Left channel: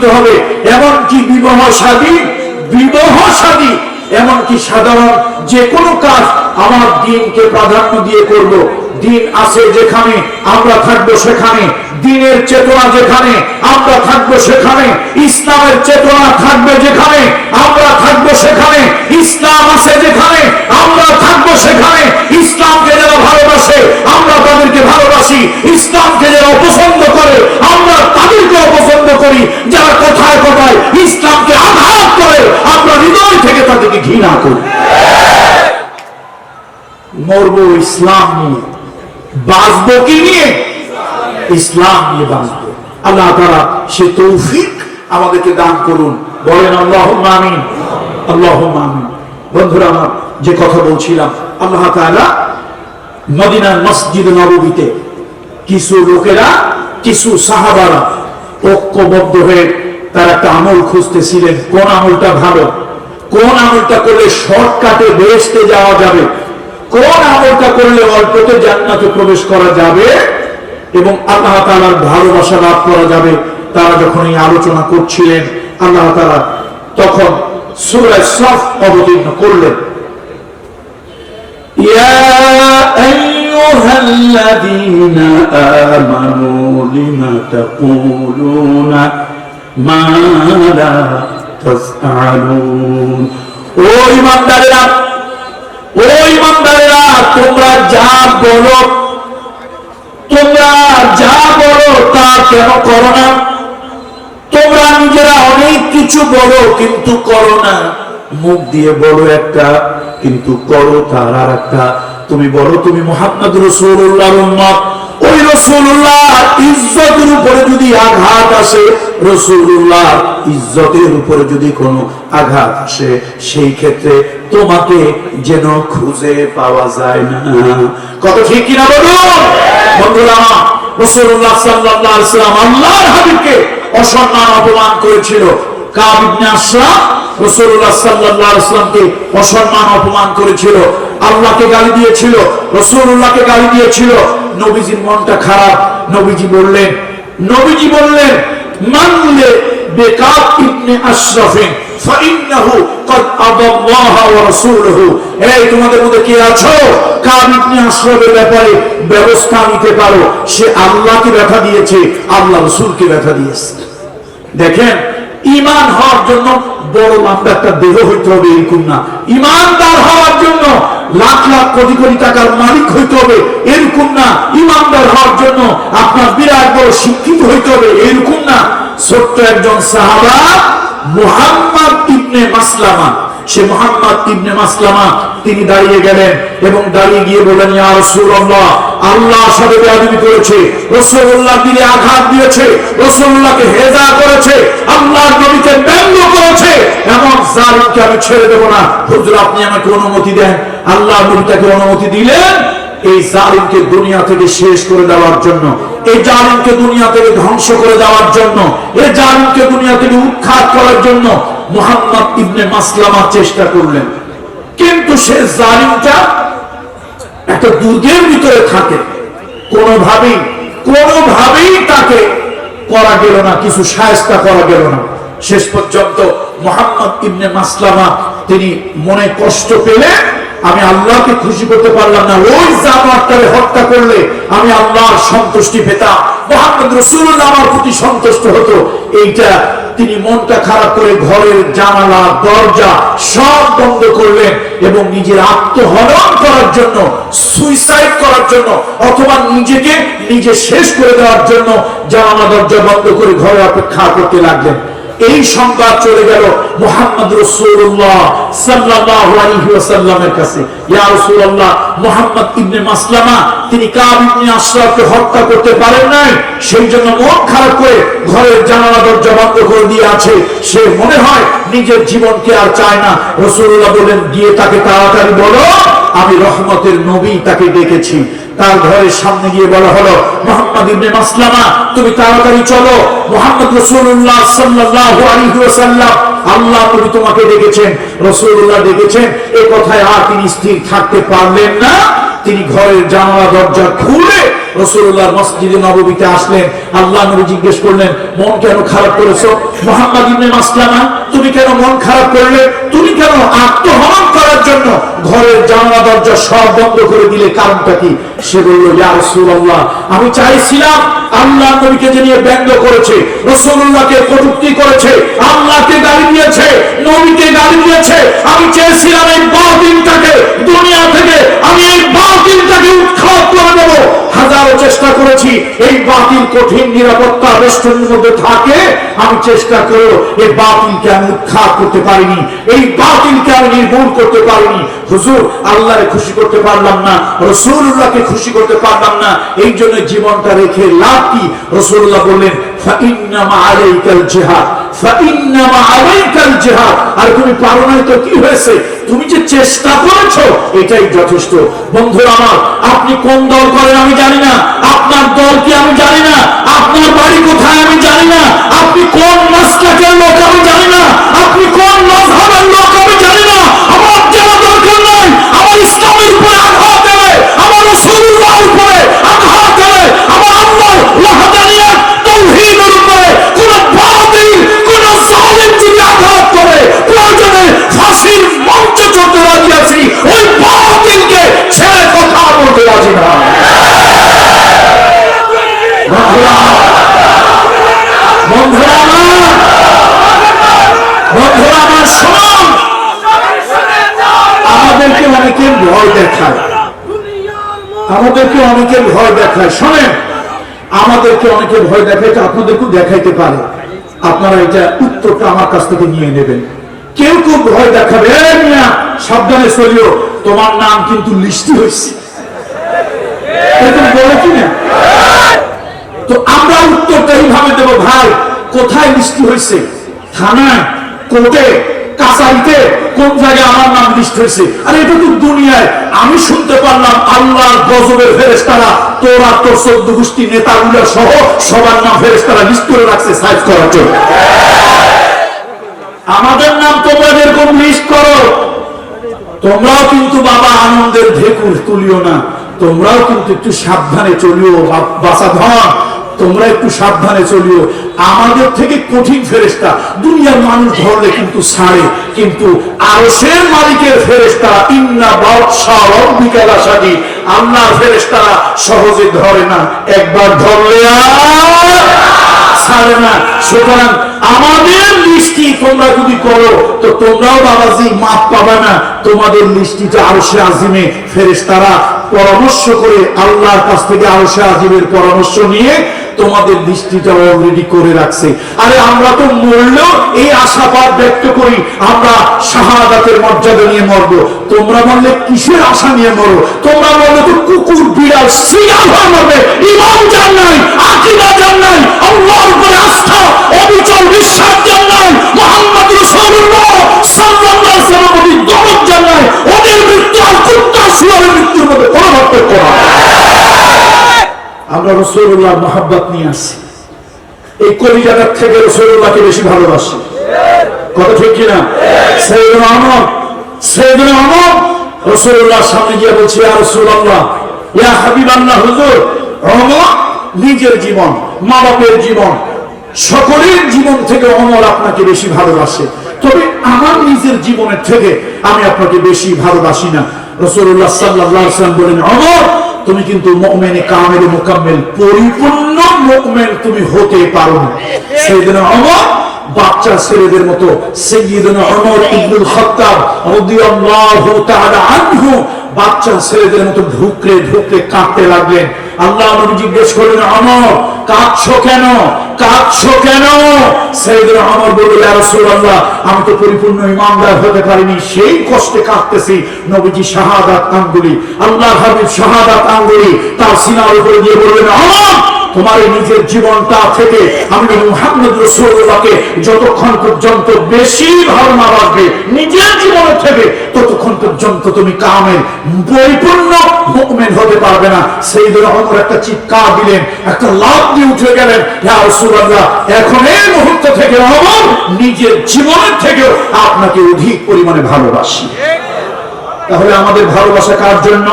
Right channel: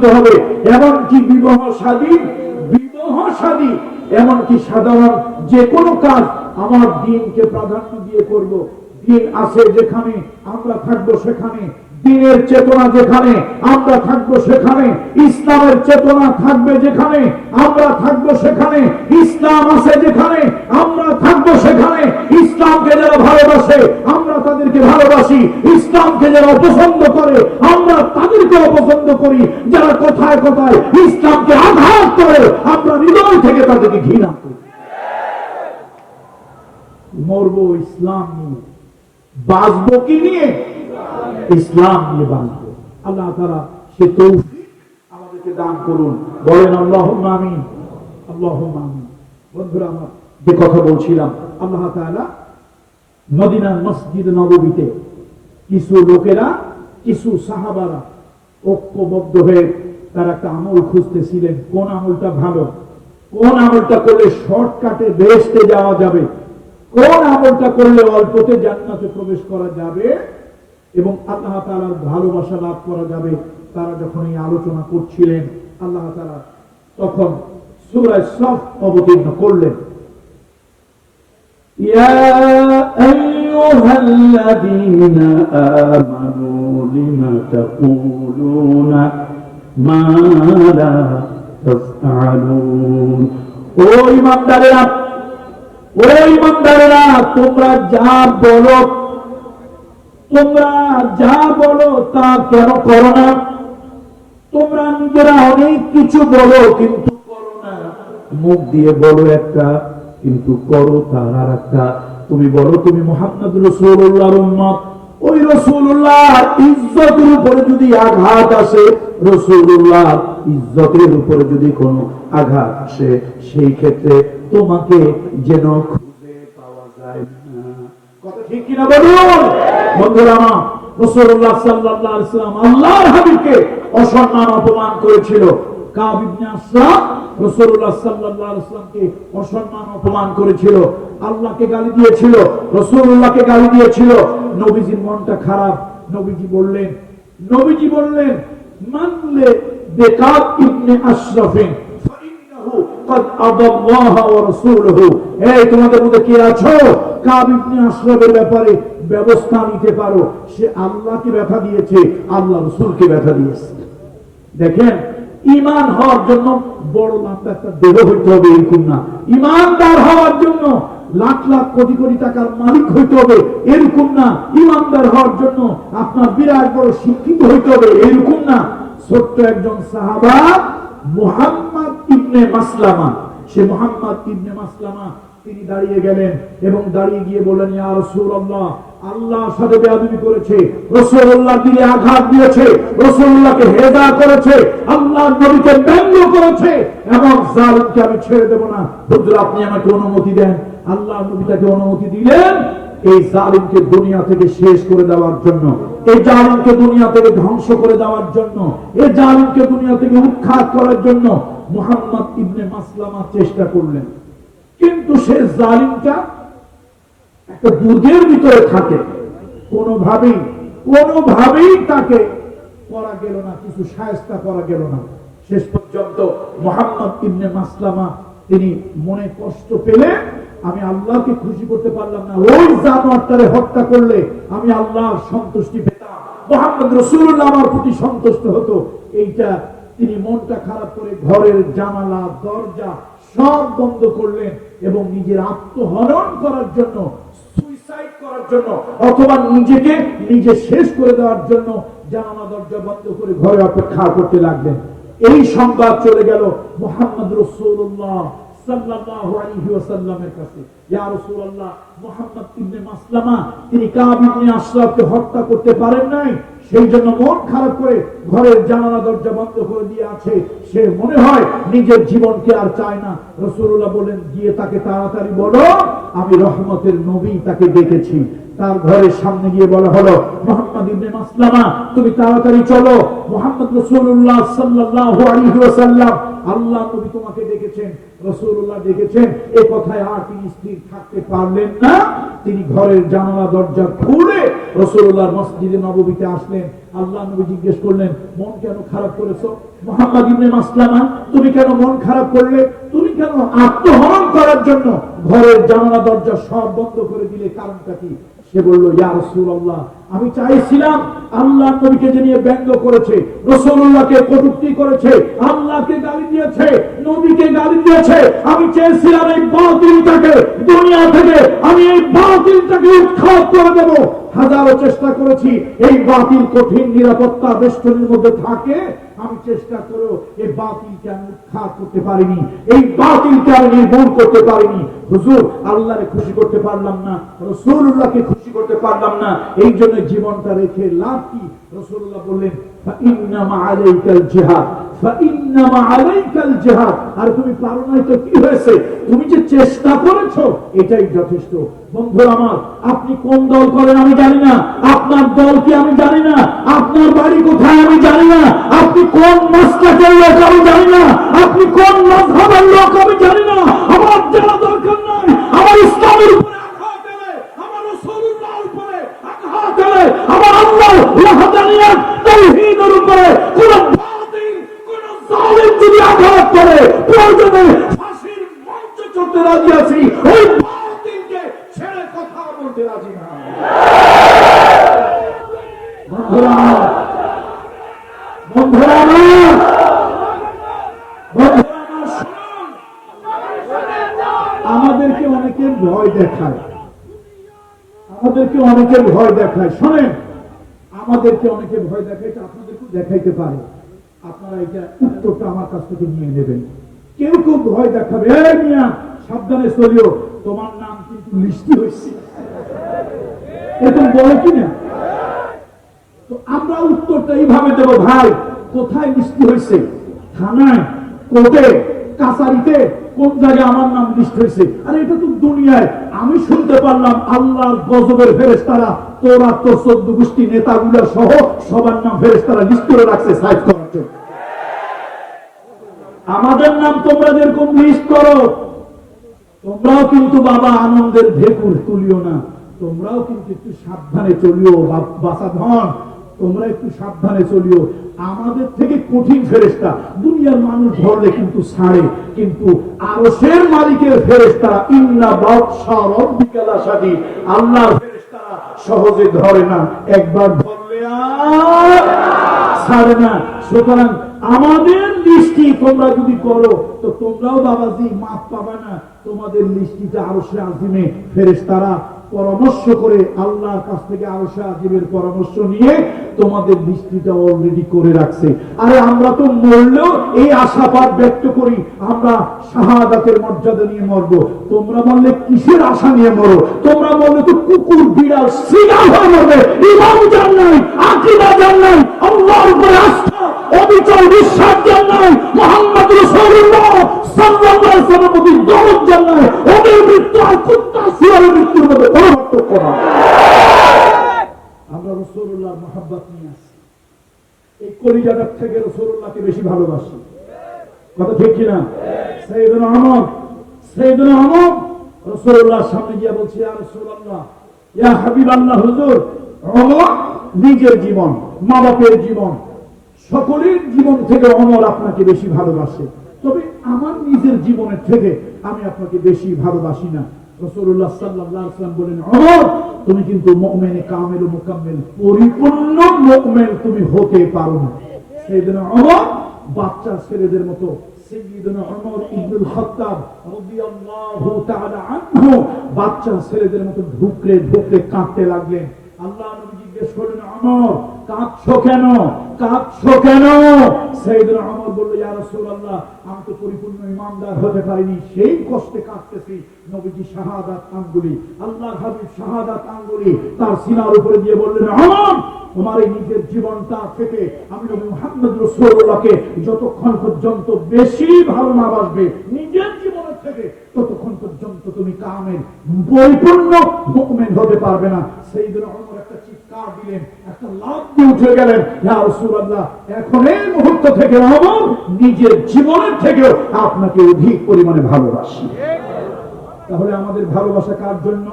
দিতে হবে। এমনকি বিবাহ শাদী এমনকি সাধারণ যে কোনো কাজ আমার দিনকে প্রাধান্য দিয়ে করব। দিন আছে যেখানে আমরা থাকবো সেখানে, দিনের চেতনা যেখানে আমরা থাকবো সেখানে, ইসলামের চেতনা থাকবে যেখানে আমরা থাকবো সেখানে, ইসলাম আছে যেখানে আমরা থাকবো সেখানে। ইসলামকে যারা ভালোবাসে আমরা তাদেরকে ভালোবাসি, ইসলামকে যারা অপছন্দ করে আমরা তাদেরকে অপছন্দ করি, যারা কথায় কথায় ইসলামকে আঘাত করে আমরা হৃদয় থেকে তাদেরকে ঘৃণা করি। মরবো ইসলাম নিয়ে, বাঁচবো কি নিয়ে? ইসলাম নিয়ে বাঁচবো। আল্লাহ তাআলা সে তৌফিক আমাদেরকে দান করুন, বলেন আল্লাহুম্মা আমিন, আল্লাহুম্মা আমিন। বন্ধুরা আমার, যে কথা বলছিলাম, আল্লাহ তাআলা মদিনার মসজিদ নববীতে কিছু লোকেরা, কিছু সাহাবারা ঐক্যবদ্ধ হয়ে তারা একটা আমল খুঁজতেছিলেন। কোন আমলটা ভালো, কোন আমলটা করলে শর্টকাটে বেহেশতে যাওয়া যাবে, কোন আমলটা করলে অল্পতে জান্নাতে প্রবেশ করা যাবে এবং আল্লাহ তাআলার ভালোবাসা লাভ করা যাবে। তারা যখন এই আলোচনা করছিলেন, আল্লাহ তাআলা তখন সূরা সফ অবতীর্ণ করলেন। ইয়া আইয়ুহাল্লাযীনা আমানু লিমা তাকুলুনা মা লা তাফআলুন। ও ঈমানদারেরা, ও ঈমানদারেরা, তোমরা যা বলো তা কেন করো না? তোমরা নিজেরা অনেক কিছু বলো কিন্তু করো না। মুখ দিয়ে বলো একটা কিন্তু করো তার আর একটা। তুমি বলো তুমি মুহাম্মদ রাসূলুল্লাহর উম্মত, ওই রাসূলুল্লাহ ইজ্জতের উপরে যদি আঘাত আসে, রাসূলুল্লাহ ইজ্জতের উপরে যদি কোনো আঘাত আসে, সেই ক্ষেত্রে তোমাকে যেন খুঁজে পাওয়া যায় না। কত ঠিক কিনা বলুন বন্ধুরা? রাসূলুল্লাহ সাল্লাল্লাহু আলাইহি ওয়াসাল্লাম আল্লাহর হাবিবকে অসম্মান অপমান করেছিল। কাব ইবনে আশরাফ রাসূলুল্লাহ সাল্লাল্লাহু আলাইহি ওয়াসাল্লামকে অসম্মান অপমান করেছিল, আল্লাহকে গালি দিয়েছিল, রাসূলুল্লাহকে গালি দিয়েছিল। নবীজির মনটা খারাপ। নবীজি বললেন মানলে বেকাব ইবনে আশরাফিন ফাইন্নাহু ক্বাদ আদাল্লাহ ওয়া রাসূলুহু। এই তোমাদের মধ্যে কে আছো কাব ইবনে আশরাফের ব্যাপারে ব্যবস্থা নিতে পারো? সে আল্লাহকে ব্যথা দিয়েছে, আল্লাহ রাসূলকে ব্যথা দিয়েছে। দেখেন, ঈমান হওয়ার জন্য বড় লম্বা একটা দেহ হইতে হবে এরকম না। ঈমানদার হওয়ার জন্য লাখ লাখ কোটি কোটি টাকার মালিক হইতে হবে এরকম না। ঈমানদার হওয়ার জন্য আপনার বিরাট বড় শিক্ষিত হইতে হবে এরকম না। ছোট্ট একজন সাহাবা মুহাম্মদ ইবনে মাসলামা, সে মুহাম্মদ ইবনে মাসলামা তিনি দাঁড়িয়ে গেলেন এবং দাঁড়িয়ে গিয়ে বললেন, ইয়া রাসূলুল্লাহ, আল্লাহ সাথে বেয়াদবি করেছে, রাসূলুল্লাহ দিলে আঘাত দিয়েছে, রাসূলুল্লাহকে হেজা করেছে, আল্লাহর নবীকে ব্যঙ্গ করেছে, এমন জালিমকে আমি ছেড়ে দেব না। হুজুর আপনি আমাকে অনুমতি দেন। আল্লাহর নবী তাকে অনুমতি দিলেন এই জালিমকে দুনিয়া থেকে শেষ করে দেওয়ার জন্য, এই জালিমকে দুনিয়া থেকে ধ্বংস করে দেওয়ার জন্য, এই জালিমকে দুনিয়া থেকে উৎখাত করার জন্য মুহাম্মদ ইবনে মাসলামা চেষ্টা করলেন। কিন্তু সে জালিমটা একটা দুর্গের ভিতরে থাকে, কোনোভাবেই তাকে করা গেল না, কিছু শায়েস্তা করা গেল না। শেষ পর্যন্ত মুহাম্মদ ইবনে মাসলামা তিনি মনে কষ্ট পেলে, আমি আল্লাহকে খুশি করতে পারলাম না, ওই জানোয়ারটাকে হত্যা করলে আমি আল্লাহর সন্তুষ্টি পেতাম, মুহাম্মদ রাসূলুল্লাহ আমার প্রতি সন্তুষ্ট হতো, এইটা তিনি মনটা খারাপ করে ঘরের জানালা দরজা সব বন্ধ করলেন এবং নিজের আত্মহনন করার জন্য, সুইসাইড করার জন্য অথবা নিজেকে নিজে শেষ করে দেওয়ার জন্য জানালা দরজা বন্ধ করে ঘরে অপেক্ষা করতে লাগলেন। এই সংবাদ চলে গেল মুহাম্মদ রাসূলুল্লাহ সাল্লাল্লাহু আলাইহি ওয়াসাল্লামের কাছে। ইয়া রাসূলুল্লাহ, মুহাম্মদ ইবনে মাসলামা তিনি কাব ইবনে আশরাফকে হত্যা করতে পারেন নাই, সেই জন্য মন খারাপ করে ঘরের জানালা দরজা বন্ধ করে দিয়ে আছে। সে মনে হয় নিজের জীবনকে আর চায় না। রাসূলুল্লাহ বলেন, গিয়ে তাকে তাড়াতাড়ি বলো আমি রহমতের নবী তাকে ডেকেছি। তার ঘরের সামনে গিয়ে বলা হলো, মুহাম্মদ ইবনে মাসলামা তুমি তাড়াতাড়ি চলো, মুহাম্মদ রাসূলুল্লাহ সাল্লাল্লাহু আলাইহি ওয়াসাল্লাম আল্লাহ নবী তোমাকে ডেকেছেন। রাসূলুল্লাহ ডেকেছেন এই কথায় আর তিনি স্থির থাকতে পারলেন না। তিনি ঘরের জানালা দরজা খুলে রাসূলুল্লাহর মসজিদে নববীতে আসলেন। আল্লাহ নবী জিজ্ঞেস করলেন, মন কেন খারাপ করেছো মুহাম্মদ ইবনে মাসলামা? তুমি কেন মন খারাপ করলে? তুমি কেন আত্মহনন করার জন্য ঘরের জানালা দরজা সব বন্ধ করে দিলে? কারণটা কি? সে বলল, ইয়া রাসূলুল্লাহ, আমি চাইছিলাম আল্লাহ নবীকে যে নিয়ে ব্যঙ্গ করেছে, রাসূলুল্লাহকে কটূক্তি করেছে, আল্লাহকে গালি দিয়েছে, নবীকে গালি দিয়েছে, আমি চেয়েছিলাম এই বাতিলটাকে দুনিয়া থেকে আমি এই বাতিলটাকে উৎখাত করে দেব। হাজারো চেষ্টা করেছি, এই বাতিল কঠিন নিরাপত্তা বেষ্টনীর মধ্যে থাকে, আমি চেষ্টা করেও এই বাতিলকে আমি উৎখাত করতে পারিনি, এই বাতিলকে আমি নির্মূল করতে পারিনি। হুজুর, আল্লাহরে খুশি করতে পারলাম না, রাসূলুল্লাহকে খুশি করতে পারলাম না, এই জন্য জীবনটা রেখে লাভ কি? রাসূলুল্লাহ বললেন, ফাইন্নামা আলাইকাল জিহাদ, ফাইন্নামা আলাইকাল জিহাদ। আর তুমি পারো নাই তো কি হয়েছে? তুমি যে চেষ্টা করেছো এটাই যথেষ্ট। বন্ধুরা আমার, আপনি কোন দল করেন আমি জানি না, আপনার দল কি আমি জানি না, আপনার বাড়ি কোথায় আমি জানি না, আপনি কোন মাসলাকের লোক আমি জানি না, আপনি কোন মাযহাবের লোক আমি জানি না। আমার জানা দরকার নাই। আমার ইসলামের উপরে আঘাত দেবে, আমার রাসূলুল্লাহর উপরে আঘাত দেবে, আমার আল্লাহর ওয়াহদানিয়ত তাওহীদের উপরে কোন বাতিল, কোন জালিম যদি আঘাত করে, প্রয়োজনে ফাঁসির মঞ্চে চড়তে রাজি আছি, ওই বাতিলকে ছেড়ে কথা বলতে রাজি না। বন্ধুরা আমার শুনুন, আমাদেরকে অনেকে ভয় দেখায়, আমাদেরকে অনেকে ভয় দেখায়। শোনেন, আমাদেরকে অনেকে ভয় দেখায়, আপনাদেরকেও দেখাইতে পারে। আপনারা এটা উত্তরটা আমার কাছ থেকে নিয়ে নেবেন। কেউ কেউ ভয় দেখাবে, সাবধানে চলিও, তোমার নাম কিন্তু লিস্টি হয়েছে, এরকম বলে কিনা? তো আমরা উত্তরটা এইভাবে দেবো, ভাই কোথায় লিস্টি হয়েছে? থানায়, কোর্টে, কাছারিতে, কোন জায়গায় আমার নাম লিস্ট হয়েছে? আরে এটা তো দুনিয়ায়। আমি শুনতে পারলাম আল্লাহর গজবের ফেরেশতারা তোর আর তোর 14 গোষ্ঠী নেতাগুলো সহ সবার নাম ফেরেশতারা লিস্ট করে রাখছে সাইজ করার জন্য। আমাদের নাম তোমরা যেরকম লিস্ট করো, তোমরাও কিন্তু বাবা আনন্দের ঢেকুর তুলিও না, তোমরাও কিন্তু একটু সাবধানে চলিও বাসা ধন, তোমরা একটু সাবধানে চলিও। আমাদের থেকে কঠিন ফেরেশতা দুনিয়ার মানুষ ধরলে কিন্তু ছাড়ে, কিন্তু আরশের মালিকের ফেরেশতারা ইন্না বাদশা রাব্বিকা লাশাদীদ, আল্লাহর ফেরেশতারা সহজে ধরে না, একবার ধরলে আর ছাড়ে না। সুতরাং আমাদের লিস্টি তোমরা যদি করো তো তোমরাও বাবাজি মাপ পাবে না। তোমাদের লিস্টিটা আরশে আজিমে ফেরেশতারা পরামর্শ করে আল্লাহর কাছ থেকে আরশে আজিমের পরামর্শ নিয়ে তোমাদের দৃষ্টিটা অলরেডি করে রাখছে। আরে আমরা তো মরলেও এই আশাবাদ ব্যক্ত করি আমরা শাহাদাতের মর্যাদা নিয়ে মরবো। তোমরা বললে কিসের আশা নিয়ে মরো? তোমরা বললে তো কুকুর বিড়াল শিয়াল হয়ে মরবে। ঈমান জান নাই, আকীদা জান নাই, আল্লাহর উপরে আস্থা অবিচল বিশ্বাস জান নাই, মুহাম্মদ রাসূলুল্লাহ সাল্লাল্লাহু আলাইহি ওয়াসাল্লামের প্রতি দরদ জান নাই, ওদের মৃত্যু আর কুত্তা শিয়ালের মৃত্যুর মধ্যে কোনো পার্থক্য নাই। আমরা রাসূলুল্লাহর মহব্বত নিয়ে আসি, এই কলিজাটার থেকে রাসূলুল্লাহকে বেশি ভালোবাসি। কথা ঠিক কিনা? সাইয়েদনা ওমর রাসূলুল্লাহর সামনে গিয়ে বলছে, ইয়া রাসূলুল্লাহ, ইয়া হাবিবাল্লাহ, হুজুর, ওমর নিজের জীবন, মা বাপের জীবন, সকলের জীবন থেকে ওমর আপনাকে বেশি ভালোবাসে, তবে আমার নিজের জীবনের থেকে আমি আপনাকে বেশি ভালোবাসি না। রাসূলুল্লাহ সাল্লাল্লাহু আলাইহি ওয়াসাল্লাম বলেন, ওমর তুমি কিন্তু মুমিনে কামিল মুকাম্মিল, পরিপূর্ণ মুমিন তুমি হতে পারো না। সাইয়েদনা ওমর বাচ্চা ছেলেদের মতো, সাইয়েদনা ওমর ইবনুল খাত্তাব রাদিয়াল্লাহু তাআলা আনহু বাচ্চা ছেলেদের মতো ঢুকরে ঢুকরে কাঁদতে লাগলেন। আল্লাহ নবী জিজ্ঞেস করলেন, ওমর কাঁদছো কেন? কাঁদছো কেন? সাইয়েদনা ওমর বললেন, ইয়া রাসূলুল্লাহ, আমি তো পরিপূর্ণ ঈমানদার হতে পারিনি, সেই কষ্টে কাঁদতেছি। নবীজি শাহাদাত আঙ্গুলি, আল্লাহর হাবিব শাহাদাত আঙ্গুলি তার সিনার উপরে দিয়ে বললেন, ওমর তোমার নিজের জীবনটা থেকে আমি মুহাম্মদ রাসূলুল্লাহকে যতক্ষণ পর্যন্ত বেশি ভালো না বাসবে নিজের জীবনের থেকে, ততক্ষণ পর্যন্ত তুমি কামেল পরিপূর্ণ মুমিন হতে পারবে না। সাইয়েদনা ওমর একটা চিৎকার দিলেন, একটা লাফ দিয়ে উঠে গেলেন, ইয়া রাসূলুল্লাহ, এখন এই মুহূর্ত থেকে ওমর নিজের জীবনের থেকেও আপনাকে অধিক পরিমাণে ভালোবাসি। তাহলে আমাদের ভালোবাসা কার জন্য?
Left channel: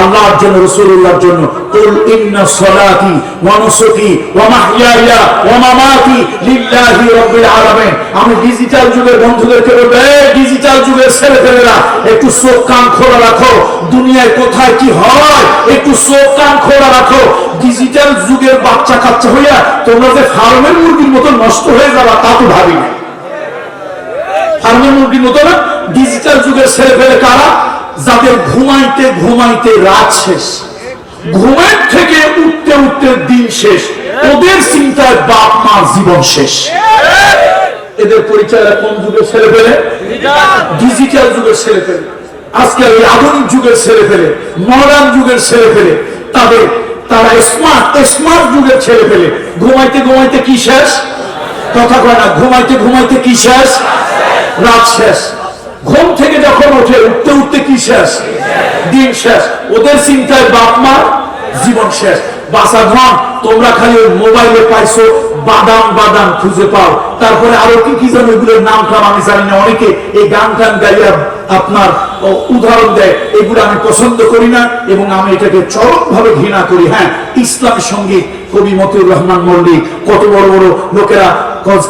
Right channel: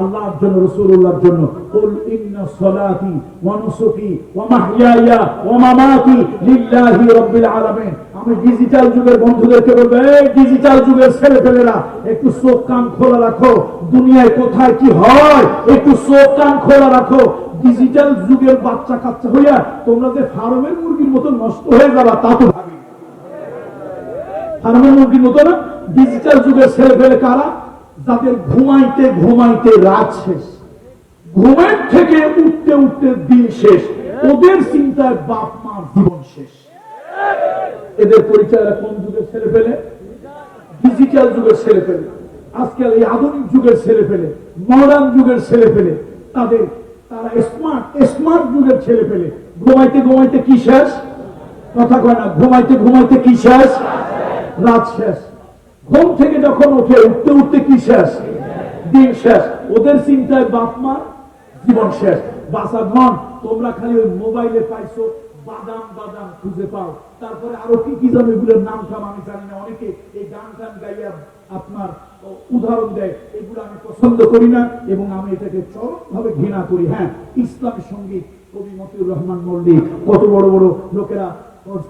আল্লাহর জন্য, রাসূলুল্লাহর জন্য। কুল ইন্না সলাতি ওয়া নুসুকি ওয়া মাহইয়ায়া ওয়া মামাতি লিল্লাহি রাব্বিল আলামিন। আমি ডিজিটাল যুগের বন্ধুদেরকে বলবো, এই ডিজিটাল যুগের ছেলেপেলেরা একটু চোখ কান খোলা রাখো, দুনিয়ায় কোথায় কি হয় একটু চোখ কান খোলা রাখো। ডিজিটাল যুগের বাচ্চা কাচ্চা হইয়া তোমরা যে ফার্মের মুরগির মতো নষ্ট হয়ে যাবা তা তো ভাবি না। ফার্মের মুরগির মতো না, ডিজিটাল যুগের ছেলেপেলে কারা? যাদের ঘুমাইতে ঘুমাইতে রাত শেষ, ঘুমের থেকে উঠতে উঠতে দিন শেষ, ওদের চিন্তায় বাপ মার জীবন শেষ। এদের পরিচয় কোন যুগের ছেলেপেলে? ডিজিটাল যুগের ছেলেপেলে। আজকে এই আধুনিক যুগের ছেলেপেলে, মডার্ন যুগের ছেলেপেলে, তারা স্মার্ট যুগের ছেলেপেলে। ঘুমাইতে ঘুমাইতে কি শেষ? কথা কয় না, ঘুমাইতে ঘুমাইতে কি শেষ? রাত শেষ। ঘুম থেকে যখন ওঠে উঠতে উঠতে কি শেষ? দিন শেষ। ওদের চিন্তায় বাপ মার জীবন শেষ। বাসা ধন, তোমরা খালি ওই মোবাইলে পাইছো বাদাম বাদাম খুঁজে পাও, তারপরে আরো কি কি যেন এগুলোর নাম টাম আমি জানি না। অনেকে এই গান টান গাইয়া আপনার উদাহরণ দেয়, এগুলো আমি পছন্দ করি না এবং আমি এটাকে চরম ভাবে ঘৃণা করি। হ্যাঁ, ইসলামের সঙ্গীত, কবি মতিউর রহমান মল্লিক, কত বড় বড় লোকেরা,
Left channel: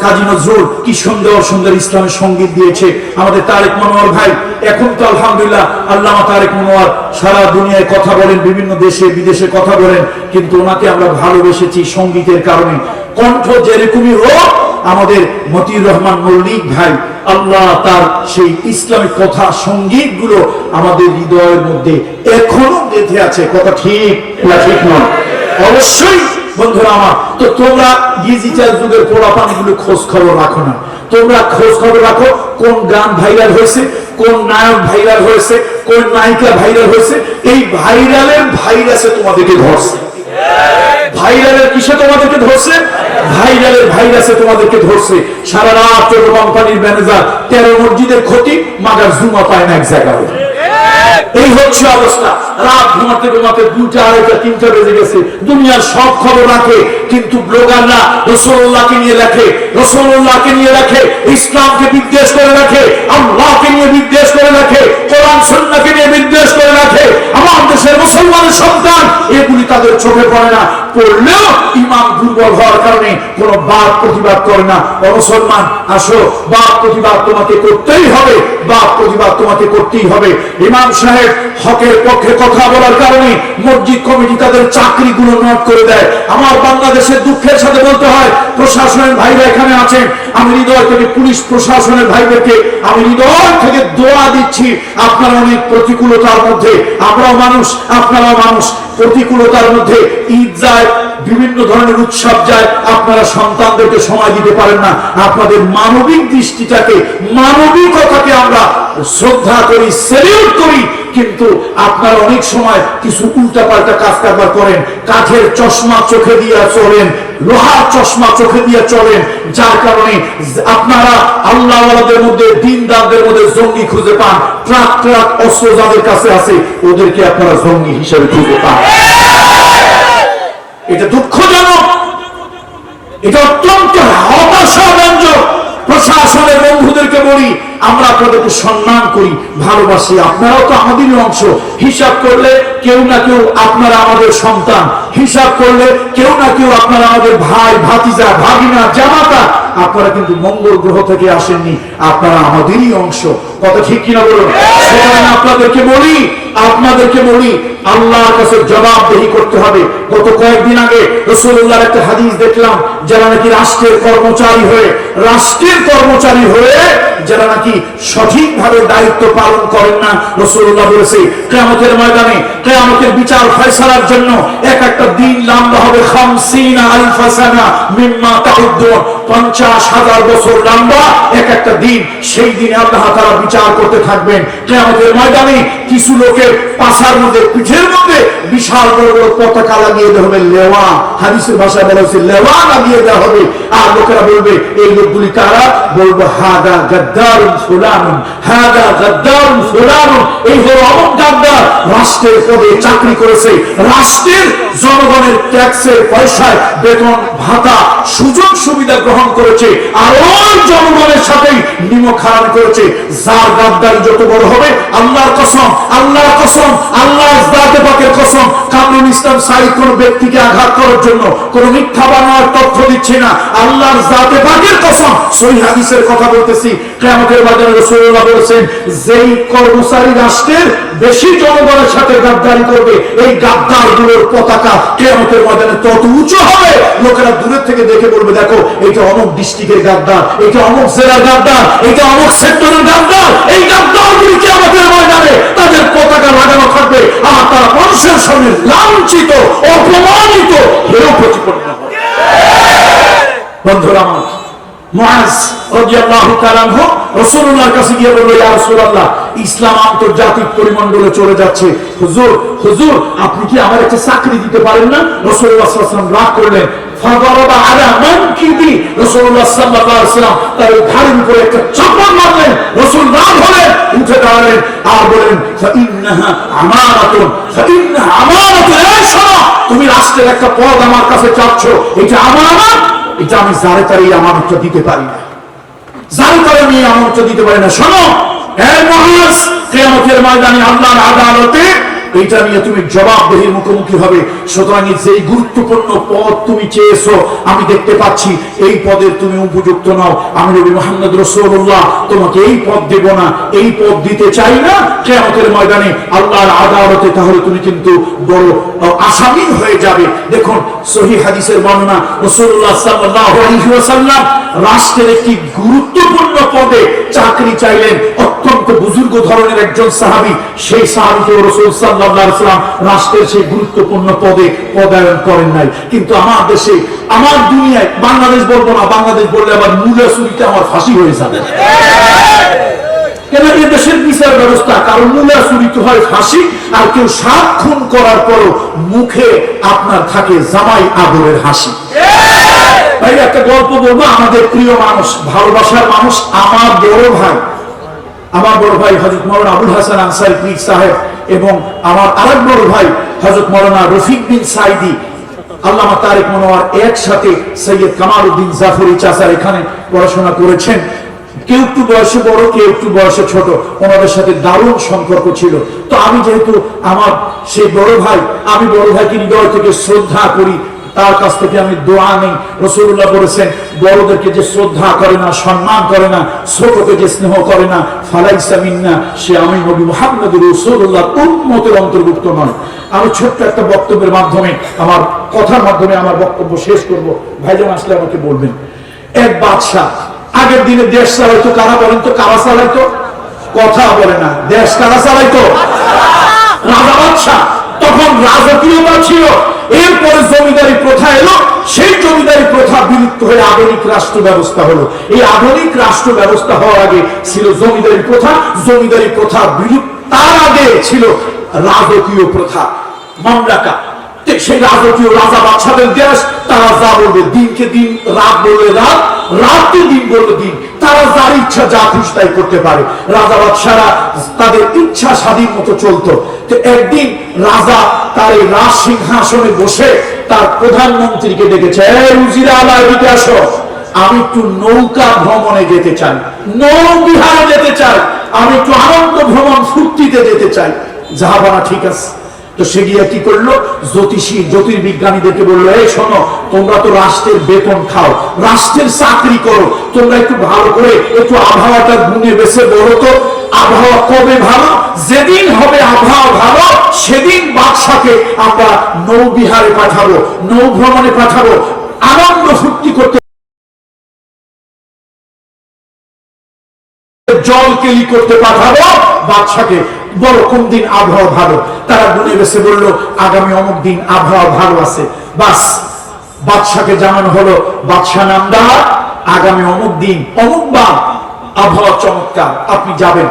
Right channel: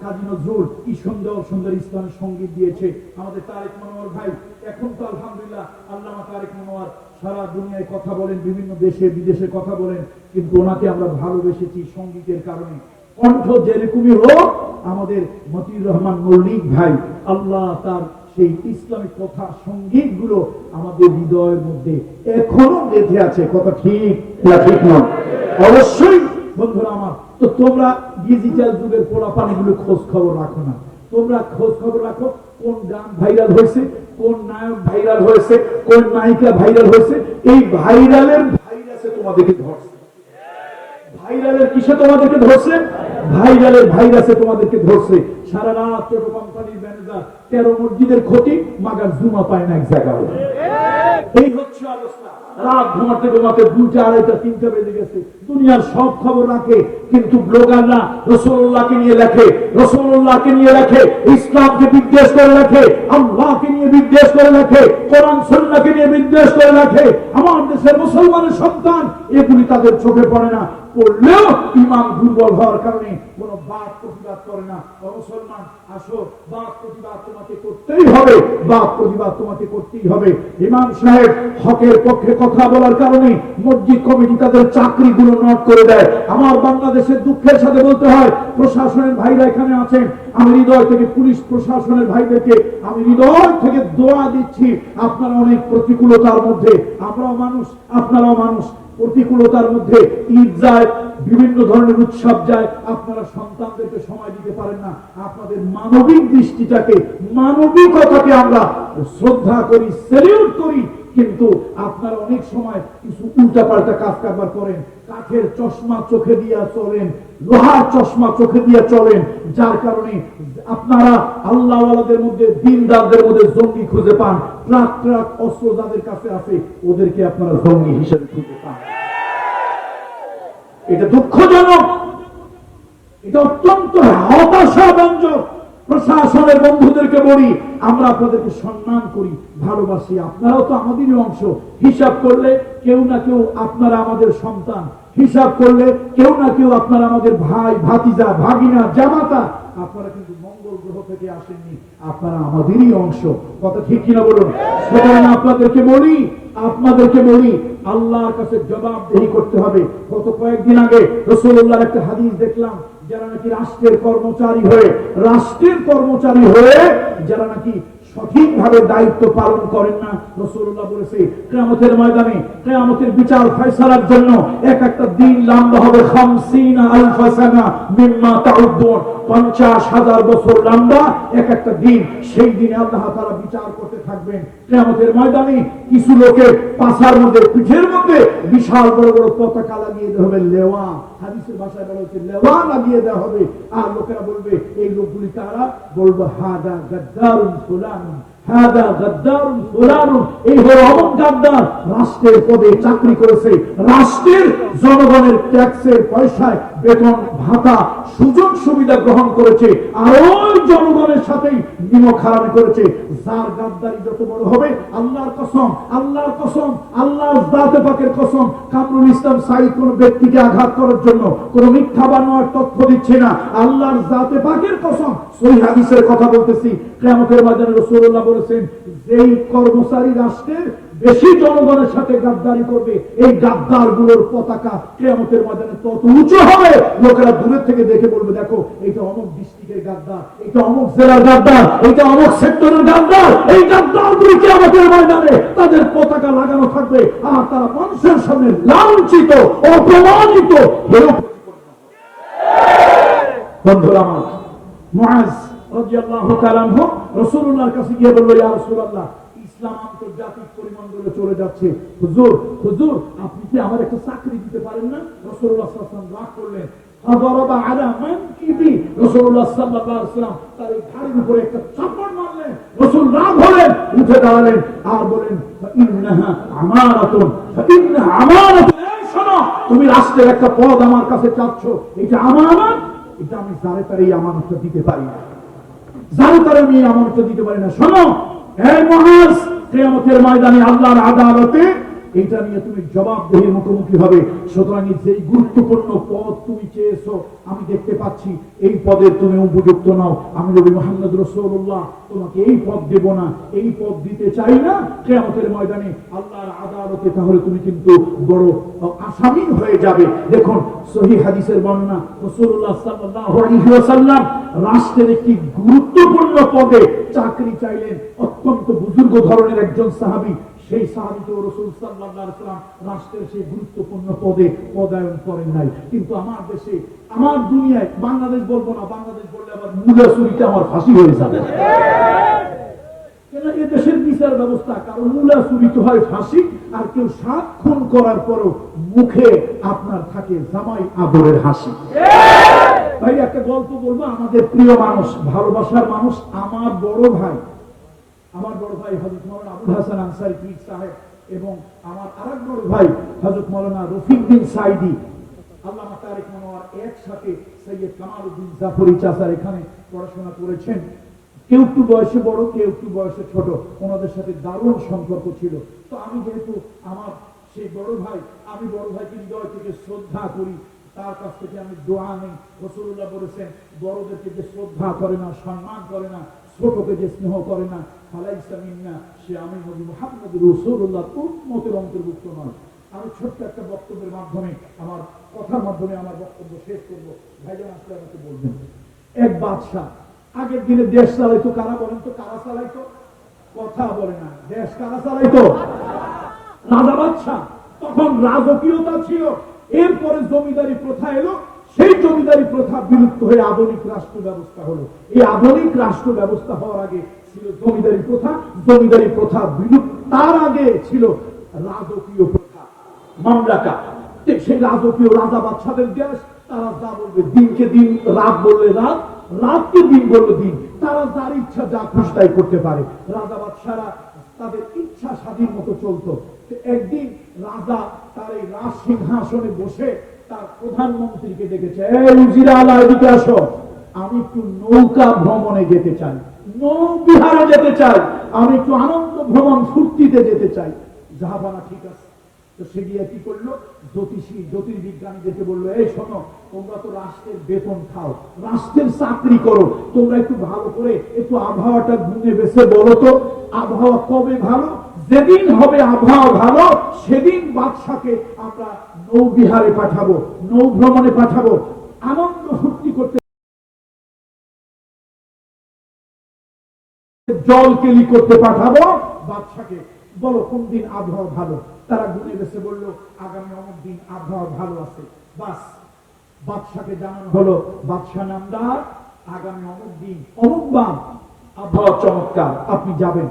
কাজী নজরুল, কি সুন্দর সুন্দর ইসলামের সঙ্গীত দিয়েছে। আমাদের তারেক মনোয়ার ভাই, এখন তো আলহামদুলিল্লাহ আল্লামা তারেক মনোয়ার সারা দুনিয়ায় কথা বলেন, বিভিন্ন দেশে বিদেশে কথা বলেন, কিন্তু ওনাকে আমরা ভালোবেসেছি সঙ্গীতের কারণে। কণ্ঠ যেরকমই হোক, আমাদের মতিউর রহমান মল্লিক ভাই, আল্লাহ তার সেই ইসলামিক কথা সঙ্গীত গুলো আমাদের হৃদয়ের মধ্যে এখনো গেঁথে আছে। কথা ঠিক না ঠিক নয়? অবশ্যই বন্ধুরা আমার। তো তোমরা ডিজিটাল যুগের পোড়াপানি গুলো খোঁজ খবর রাখো না। তোমরা খোঁজ খবর রাখো কোন গান ভাইরাল হয়েছে, কোন নায়ক ভাইরাল হয়েছে, কোন নায়িকা ভাইরাল হয়েছে। এই ভাইরালের ভাইরাসে তোমাদেরকে ধরছে। ভাইরালের কিসে তোমাদেরকে ধরছে? ভাইরালের ভাইরাসে তোমাদেরকে ধরছে। সারা রাত ছোট কোম্পানির ম্যানেজার 13 মসজিদের ক্ষতি, মাগার জুমা পায় না এক জায়গায়। এই হচ্ছে অবস্থা। রাত ঘুমাতে ঘুমাতে 2টা, 2:30, 3টা বেজে গেছে। দুনিয়ার সব খবর রাখে, কিন্তু ব্লগাররা রাসূলুল্লাহকে নিয়ে লেখে, রাসূলুল্লাহকে নিয়ে লেখে, ইসলামকে বিদ্বেষ করে রাখে, আল্লাহকে নিয়ে বিদ্বেষ করে রাখে, কোরআন সুন্নাহকে নিয়ে বিদ্বেষ করে রাখে। আমার দেশের মুসলমানের সন্তান এগুলি তাদের চোখে পড়ে না, পড়লেও ইমান দুর্বল হওয়ার কারণে কোনো বাদ প্রতিবাদ করে না। মুসলমান আসো, বাদ প্রতিবাদ তোমাকে করতেই হবে, বাদ প্রতিবাদ তোমাকে করতেই হবে। ইমাম সাহেব হকের পক্ষে কথা বলার কারণে মসজিদ কমিটি তাদের চাকরিগুলো নোট করে দেয়। আমার বাংলাদেশের দুঃখের সাথে বলতে হয়, প্রশাসনের ভাইরা এখানে আছেন, আমি হৃদয় থেকে পুলিশ প্রশাসনের ভাইদেরকে আমি হৃদয় থেকে দোয়া দিচ্ছি। আপনারা অনেক প্রতিকূলতার মধ্যে, আমরাও মানুষ, আপনারাও মানুষ, প্রতিকূলতার মধ্যে ঈদ যায়, বিভিন্ন ধরনের উৎসব যায়, আপনারা সন্তানদেরকে সময় দিতে পারেন না। আপনাদের মানবিক দৃষ্টিটাকে, মানবিকতাকে আমরা শ্রদ্ধা করি, সেলিউট করি, কিন্তু আপনারা অনেক সময় কিছু উল্টাপাল্টা কাজ কারবার করেন। কাঠের চশমা চোখে দিয়ে চলেন, লোহার চশমা চোখে দিয়ে চলেন, যার কারণে আপনারা আল্লাহওয়ালাদের মধ্যে, দিনদারদের মধ্যে জঙ্গি খুঁজে পান। ট্রাক ট্রাক অস্ত্র যাদের কাছে আছে ওদেরকে আপনারা জঙ্গি হিসেবে খুঁজে পান। এটা দুঃখজনক, এটা অত্যন্ত হতাশাব্যঞ্জক। প্রশাসনের বন্ধুদেরকে বলি, আমরা আপনাদেরকে সম্মান করি, ভালোবাসি, আপনারাও তো আমাদেরই অংশ। হিসাব করলে কেউ না কেউ আপনারা আমাদের সন্তান, হিসাব করলে কেউ না কেউ আপনারা আমাদের ভাই, ভাতিজা, ভাগিনা, জামাতা। আপনারা কিন্তু মঙ্গল গ্রহ থেকে আসেননি, আপনারা আমাদেরই অংশ। কথা ঠিক কিনা বলুন? সুতরাং আপনাদেরকে বলি আল্লাহর কাছে জবাবদেহি করতে হবে। গত কয়েকদিন আগে রাসূলুল্লাহর একটা হাদিস দেখলাম, যারা নাকি রাষ্ট্রের কর্মচারী হয়ে যারা নাকি সঠিকভাবে দায়িত্ব পালন করেন না, রাসূলুল্লাহ বলেছে কিয়ামতের ময়দানে, কিয়ামতের বিচার ফয়সালার জন্য এক একটা দিন লম্বা হবে 50,000 সানা মিম্মা তাউদ্দুন, 50,000 বছর লম্বা এক একটা দিন। সেই দিনে আল্লাহ তাআলা বিচার করতে থাকবেন। কিয়ামতের ময়দানে কিছু লোকের পাছার মধ্যে, পিঠের মধ্যে বিশাল বড় বড় পতাকা লাগিয়ে দেওয়া হবে, লেওয়া, হাদিসের ভাষায় বলা হয়েছে লেওয়া লাগিয়ে দেওয়া হবে। আর লোকেরা বলবে, এই লোকগুলি কারা? বলবো হাদা গাদ্দারুন ফুলানুন, হাদা গাদ্দারুন ফুলানুন, এই হলো অমুক গাদ্দার, রাষ্ট্রের পদে চাকরি করেছে, রাষ্ট্রের জনগণের ট্যাক্সের পয়সায় বেতন ভাতা সুযোগ সুবিধা গ্রহণ করেছে, আর ওই জনগণের সাথেই নিমক হারাম করেছে। যার গাদ্দারি যত বড় হবে, আল্লাহর কসম আল্লাহর কসম, আল্লাহর জাতে পাকের কসম, কামরুল ইসলাম সাঈদ কোন ব্যক্তিকে আঘাত করার জন্য কোন মিথ্যা বানোয়ার তথ্য দিচ্ছে না। আল্লাহর জাতে পাকের কসম, সহিহ হাদিসের কথা বলতেছি। কিয়ামতের ময়দানে রাসূলুল্লাহ বলেছেন, যেই কর্মচারী রাষ্ট্রের বেশি জনগণের সাথে গাদ্দারি করবে, এই গাদ্দারগুলোর পতাকা কিয়ামতের ময়দানে তত উঁচু হবে, লোকেরা দূরের থেকে দেখে বলবে, দেখো এটা অমুক ডিস্ট্রিক্টের গাদ্দার, এটা অমুক জেলার গাদ্দার, এটা অমুক সেক্টরের গাদ্দার। এই গাদ্দারগুলি কিয়ামতের ময়দানে তাদের পতাকা লাগানো থাকবে, আর তারা মানুষের সামনে লাঞ্ছিত, অপমানিত, হেয় প্রতিপন্ন হবে। বন্ধুরা আমার, মুআজ রাদিয়াল্লাহু তাআলা আনহু রাসূলুল্লাহর কাছে গিয়ে বলল, ইয়া রাসূলুল্লাহ, ইসলাম আন্তর্জাতিক পরিমণ্ডলে চলে যাচ্ছে, হুজুর হুজুর আপনি কি আমার একটা চাকরি দিতে পারেন না? রাসূলুল্লাহ সাল্লাল্লাহু আলাইহি ওয়াসাল্লাম রাগ করলেন, ফাদারাবা আলা মানকিবি, রাসূলুল্লাহ সাল্লাল্লাহু আলাইহি ওয়াসাল্লাম তার ঘাড়ের উপরে একটা চাপড় মারলেন। রাসূল রাগ হলেন, উঠে দাঁড়ালেন আর বলেন, ফাইন্নাহা আমানাতুন, ফাইন্নাহা আমানাতুন, এই শোনো, তুমি রাষ্ট্রের একটা পদ আমার কাছে চাচ্ছ, এটা আমানত, এটা আমি যারে তারে আমানতটা দিতে পারি না, যারে তারে আমি আমানতটা দিতে পারি না। শোনো এই মুআজ, কিয়ামতের ময়দানে আল্লাহর আদালতে এটা নিয়ে তুমি জবাবদিহির মুখোমুখি হবে। সুতরাং যেই গুরুত্বপূর্ণ পদ তুমি চেয়েছো, আমি দেখতে পাচ্ছি এই পদের তুমি উপযুক্ত নও। আমি নবী মুহাম্মদ রাসূলুল্লাহ তোমাকে এই পদ দেব না, এই পদ দিতে চাই না। কিয়ামতের ময়দানে আল্লাহর আদালতে তাহলে তুমি কিন্তু বড় আসামি হয়ে যাবে। দেখুন সহিহ হাদিসের বর্ণনা, রাসূলুল্লাহ সাল্লাল্লাহু আলাইহি ওয়াসাল্লাম রাষ্ট্রের একটি গুরুত্বপূর্ণ পদে চাকরি চাইলেন। অত্যন্ত বুজুর্গ ধরনের একজন সাহাবী, সেই সাহাবীকে রাসূল সাল্লাল্লাহু আলাইহি ওয়াসাল্লাম রাষ্ট্রের সেই গুরুত্বপূর্ণ পদে পদায়ন করেন নাই। কিন্তু আমার দেশে, আমার দুনিয়ায়, বাংলাদেশ বলবো না, বাংলাদেশ বললে আবার মূলা চুরিতে আমার ফাঁসি হয়ে যাবে। কেন? এই দেশের বিচার ব্যবস্থা, কারণ মূলা চুরিতে হয় ফাঁসি, আর কেউ 7 খুন করার পরও মুখে আপনার থাকে জামাই আদরের হাসি। ভাই একটা গল্প বলবো, আমাদের প্রিয় মানুষ, ভালোবাসার মানুষ, আমার বড় ভাই হযরত মাওলানা আবুল হাসান আনসারী পীর সাহেব এবং আমার আরেক বড় ভাই হযরত মাওলানা রফিক বিন সাইদি, আল্লামা তারেক মনোয়ার একসাথে সৈয়দ কামালউদ্দিন জাফরি চাচার এখানে পড়াশোনা করেছেন। কেউ একটু বয়সে বড়, কেউ একটু বয়সে ছোট, ওনাদের সাথে দারুণ সম্পর্ক ছিল। তো আমি যেহেতু আমার সেই বড় ভাই, আমি বড় ভাইকে হৃদয় থেকে শ্রদ্ধা করি, তার কাছ থেকে আমি দোয়া নেই। রাসূলুল্লাহ বলেছেন, বড়দেরকে যে শ্রদ্ধা করে না, সম্মান করে না, ছোটকে যে স্নেহ করে না, ফালাইসা মিন্না, সে আমি নবী মুহাম্মদ রাসূলুল্লাহ উম্মতের অন্তর্ভুক্ত নয়। আমি ছোট্ট একটা বক্তব্যের মাধ্যমে, আমার কথার মাধ্যমে আমার বক্তব্য শেষ করব। ভাইজান আসলে আমাকে বলবেন, এক বাদশা, আগের দিনে দেশ চালাইতো কারা বলেন তো? কারা চালাইতো? কথা বলে না। দেশ কারা চালাইতো? রাজা বাদশা। তখন রাজকীয়তা ছিল, এরপরে জমিদারি প্রথা এলো, সেই জমিদারি প্রথা বিলুপ্ত হয়ে আধুনিক রাষ্ট্র ব্যবস্থা হলো। এই আধুনিক রাষ্ট্র ব্যবস্থা হওয়ার আগে ছিল জমিদারি প্রথা, জমিদারি প্রথা বিলুপ্ত, তার আগে ছিল রাজকীয় প্রথা, মামলাকা। সেই রাজকীয় রাজা বাদশাদের দেশ, তারা যা বলবে, দিনকে দিন, রাত বললে রাত, রাতকে দিন বললে দিন, তারা যার ইচ্ছা যা খুশি তাই করতে পারে। রাজা বাদশারা তাদের ইচ্ছা স্বাধীন মতো চলতো। তো একদিন রাজা তার এই রাজ সিংহাসনে বসে তার প্রধানমন্ত্রীকে ডেকেছে, এই উজিরা আলা, এদিকে আসো, আমি একটু নৌকা ভ্রমণে যেতে চাই, নৌ বিহারে যেতে চাই, আমি একটু আনন্দ ভ্রমণ ফুর্তিতে যেতে চাই। জাহাবানা, ঠিক আছে। তো সে গিয়ে কি করলো, জ্যোতির্বিজ্ঞানীদেরকে বললো, এই শোনো, তোমরা তো রাষ্ট্রের বেতন খাও, রাষ্ট্রের চাকরি করো, তোমরা একটু ভালো করে একটু আবহাওয়াটা গুনে বেছে বলো তো, আবহাওয়া কবে ভালো? যেদিন হবে আবহাওয়া ভালো, সেদিন বাদশাকে আমরা নৌবিহারে পাঠাবো, নৌ ভ্রমণে পাঠাবো, আনন্দ ফুর্তি করতে, জল কেলি করতে পাঠাবো বাদশাকে। বড় কোন দিন আবহাওয়া ভালো? তারা গুনে বেছে বললো, আগামী অমুক দিন আবহাওয়া ভালো আছে। বাস, বাদশাকে জানানো হলো, বাদশা নামদার, আগামী অমুক দিন অমুক বার আবহাওয়া চমৎকার, আপনি যাবেন।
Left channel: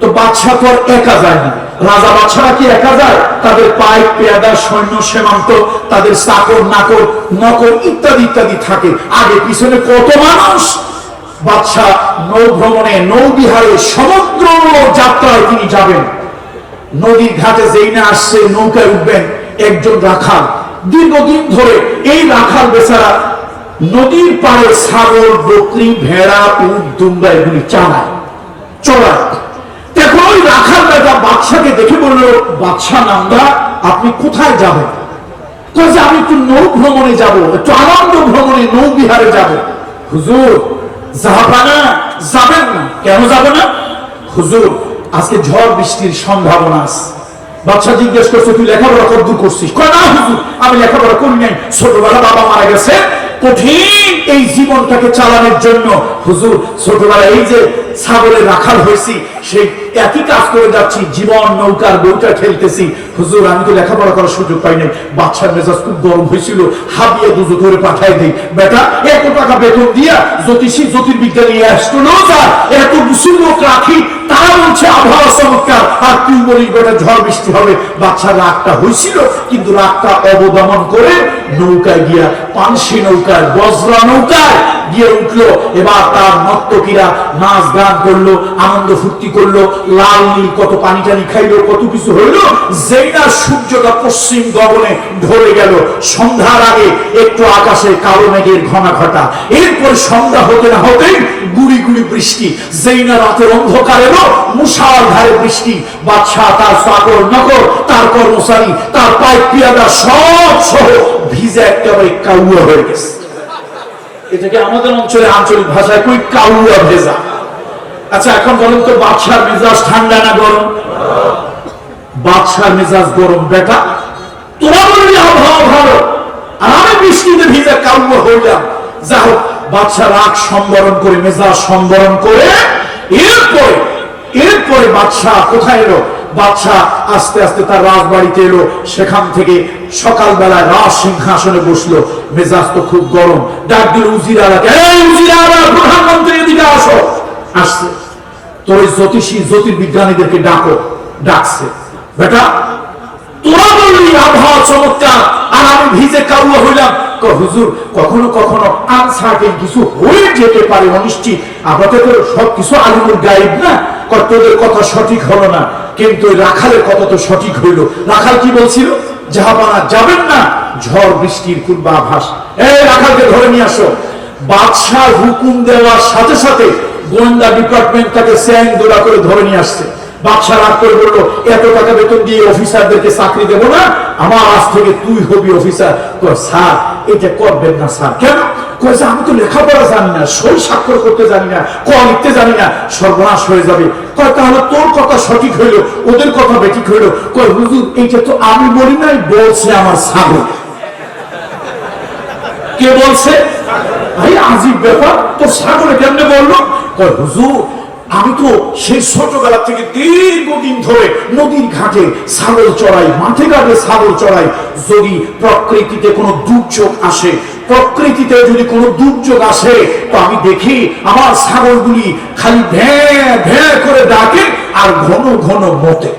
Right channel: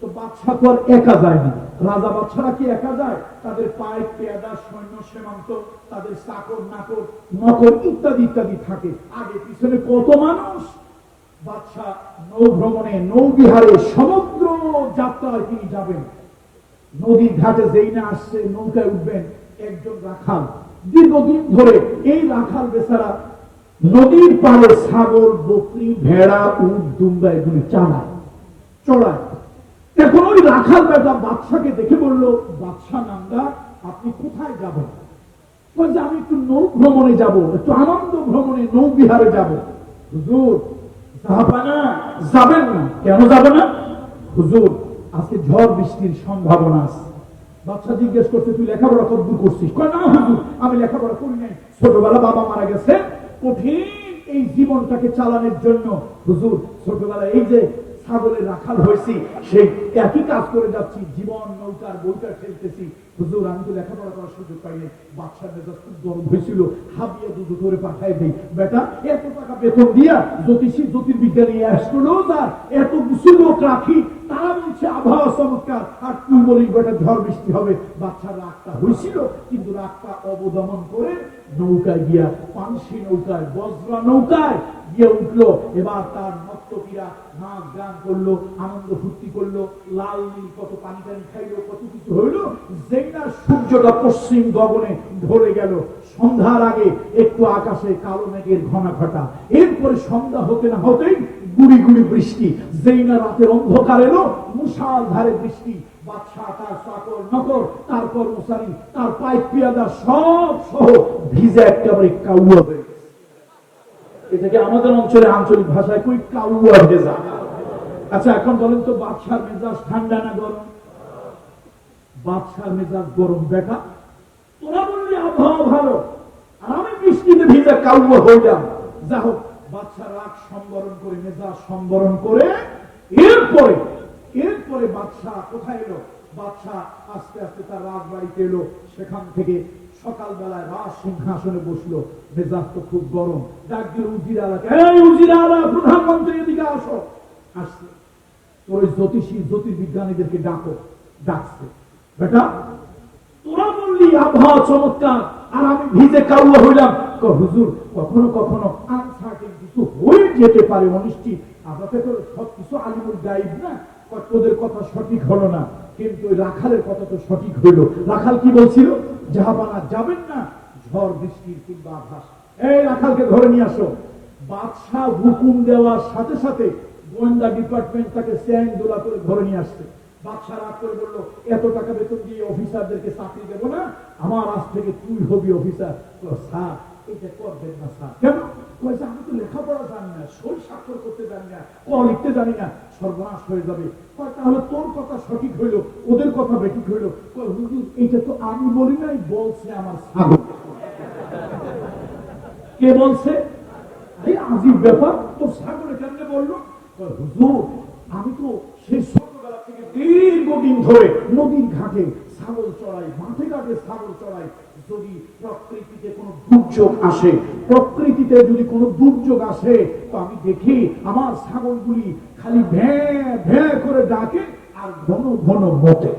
তো বাদশা তো আর একা যায় না, রাজা বাদশারা কি একা যায়? তাদের পাইক পেয়াদা, সৈন্য সীমান্ত, তাদের চাকর নাকর নকর ইত্যাদি ইত্যাদি থাকে, আগে পিছনে কত মানুষ। বাদশা নৌ ভ্রমণে, নৌ বিহারে, সমুদ্র যাত্রায় তিনি যাবেন। নদীর ঘাটে যেই না আসছে, নৌকায় উঠবেন একজন রাখাল, দীর্ঘদিন ধরে এই রাখাল বেচারা নদীর পাড়ে ছাগল, বকরি, ভেড়া, উট, দুম্বা এগুলি চড়ায়। এখন ওই রাখাল বেটা বাদশাকে দেখে বললো, বাদশা নামদা আপনি কোথায় যাবেন? কয়েছে আমি একটু নৌ ভ্রমণে যাব, একটু আনন্দ ভ্রমণে নৌ বিহারে যাব। হুজুর জাহাপানা যাবেন না। কেন যাব না? হুজুর আজকে ঝড় বৃষ্টির সম্ভাবনা আছে। বাদশা জিজ্ঞেস করছে, তুই লেখাপড়া কতদূর করছিস? কয় না হুজুর আমি লেখাপড়া করি নাই, ছোটবেলা বাবা মারা গেছে, কঠিন এই জীবনটাকে চালানোর জন্য হুজুর ছোটবেলা এই যে ছাগলের রাখাল হয়েছি, সেই একই কাজ করে যাচ্ছি, জীবন নৌকার বউটা খেলতেছি। হুজুর আমি তো লেখাপড়া করার সুযোগ পাই নাই। বাদশার মেজাজ খুব গরম হয়েছিল, হাবিয়ে দুজো করে পাঠাই দিই, বেটা এত টাকা বেতন দিয়া জ্যোতিষী জ্যোতির্বিজ্ঞানী অ্যাস্ট্রোলজার এত কিছু লোক রাখি, তারা বলছে আবহাওয়া চমৎকার, আর তুই বলিস বেটা ঝড় বৃষ্টি হবে। বাদশার রাগটা হয়েছিল, কিন্তু রাগটা অবদমন করে নৌকায় গিয়া, পানসি নৌকায়, বজ্রা নৌকায় গিয়ে উঠলো। এবার তার নর্তকীরা নাচ গান করলো, আনন্দ ফুর্তি করলো, লাল নীল কত পানি টানি খাইলো, কত কিছু হইলো। যেই না সূর্যটা পশ্চিম গগনে ঢলে গেল, সন্ধ্যার আগে একটু আকাশে কালো মেঘের ঘনা ঘটা, এরপরে সন্ধ্যা হতে না হতেই গুড়ি গুড়ি বৃষ্টি। যেই না রাতের অন্ধকার এলো, মুষলধারে বৃষ্টি। বাদশা তার চাকর নকর, তার কর্মচারী, তার পাইক পিয়াদা সব সহ ভিজে একেবারে কাউয়া হয়ে গেছে। এটাকে আমাদের অঞ্চলে আঞ্চলিক ভাষায় কই কাউয়া ভেজা। আচ্ছা এখন বলেন তো, বাদশার মেজাজ ঠান্ডা না গরম? বাদশার মেজাজ গরম। বেটা তোরা বলবি আবহাওয়া ভালো, আর আমি বৃষ্টিতে ভিজে কাউয়া হইলাম। যা হোক, বাদশা রাগ সম্বরণ করে, মেজাজ সম্বরণ করে এরপরে বাদশা কোথায় এলো? বাদশা আস্তে আস্তে তার রাজবাড়িতে এলো। সেখান থেকে সকালবেলায় রাজ সিংহাসনে বসলো। মেজাজ তো খুব গরম। ডাক দিল উজিরারা, এই উজিরারা প্রধানমন্ত্রী এদিকে আসো। আসছে তোর ওই জ্যোতিষী জ্যোতির্বিজ্ঞানীদেরকে ডাকো। ডাকছে, বেটা তোরা বললি আবহাওয়া চমৎকার, আর আমি ভিজে কাউয়া হইলাম। হুজুর কখনো কখনো আনসার্টেন কিছু হয়ে যেতে পারে, অনিশ্চিত। আপাতত সবকিছু আলিমুল গায়েব না, তোদের কথা সঠিক হলো না, কিন্তু রাখালের কথা তো সঠিক হইল। রাখাল কি বলছিল? জাহাপানা যাবেন না, ঝড় বৃষ্টির পূর্বাভাস। এই রাখালকে ধরে নিয়ে আসো। বাদশাহ হুকুম দেওয়ার সাথে সাথে গোয়েন্দা ডিপার্টমেন্ট তাকে স্যাং দোলা করে ধরে নিয়ে আসছে। বাদশা রাগ করে বললো, এত টাকা বেতন দিয়ে অফিসারদেরকে চাকরি দেবো না, আমার আজ থেকে তুই হবি অফিসার। স্যার এটা করবেন না স্যার। কেন? কয়েছে আমি তো লেখাপড়া জানি না, সই স্বাক্ষর করতে জানি না, ক লিখতে জানি না, সর্বনাশ হয়ে যাবে। কয় তাহলে তোর কথা সঠিক হইলো, ওদের কথা বেঠিক হইলো। কয় হুজুর এইটা তো আমি বলি নাই, বলছে আমার ছাগল। কে বলছে? ভাই আজীব ব্যাপার, তোর ছাগলে কেমনে বললো? কয় হুজুর আমি তো সেই ছোটবেলা থেকে দীর্ঘদিন ধরে নদীর ঘাটে ছাগল চড়াই, মাঠে ঘাটে ছাগল চড়াই। যদি প্রকৃতিতে কোনো দুর্যোগ আসে, প্রকৃতিতে যদি কোনো দুর্যোগ আসে, তো আমি দেখি আমার ছাগলগুলি খালি ভ্যাঁ ভ্যাঁ করে ডাকে আর ঘন ঘন মতে।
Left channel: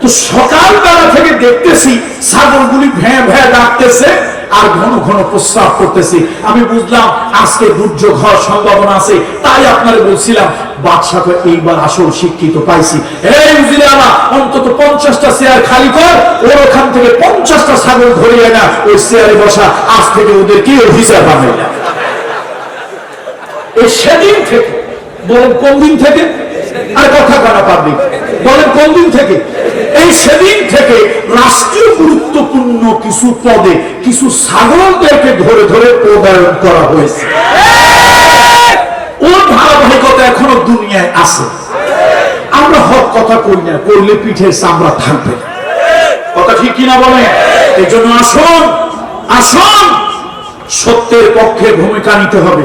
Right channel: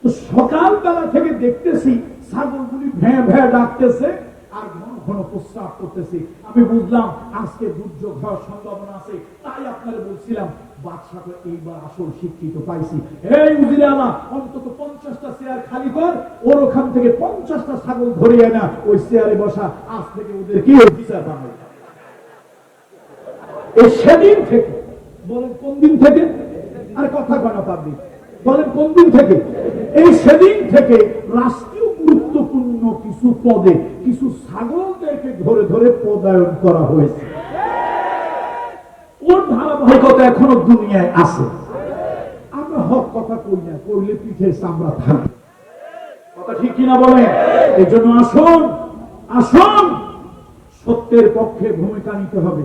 তো সকালবেলা থেকে দেখতেছি ছাগলগুলি ভ্যাঁ ভ্যাঁ ডাকতেছে আর ঘন ঘন প্রস্রাব করতেছি। আমি বুঝলাম আজকে দুর্যোগ হওয়ার সম্ভাবনা আছে, তাই আপনারা বলছিলাম। বাদশাকে এইবার আসল শিক্ষিত পাইছি। এই উজিরারা অন্তত 50টা চেয়ার খালি কর, ওর ওখান থেকে 50টা ছাগল ধরিয়ে না, ওই চেয়ারে বসা। আজ থেকে ওদের কি অফিসার পাবে। এই সেদিন থেকে, বলেন কোন দিন থেকে? আর কথা কানা পাবলিক বলেন কোন দিন থেকে? এই সেদিন থেকে রাষ্ট্রীয় গুরুত্বপূর্ণ কিছু পদে কিছু ছাগলদেরকে ধরে ধরে পদায়ন করা হয়েছে। ওর ধারাবাহিকতা এখনো দুনিয়ায় আছে। আমরা হক কথা কই না, করলে পিঠের চামড়া থাকবে। কথা ঠিক কিনা বলেন? এই জন্য আসুন আসুন, সত্যের পক্ষে ভূমিকা নিতে হবে,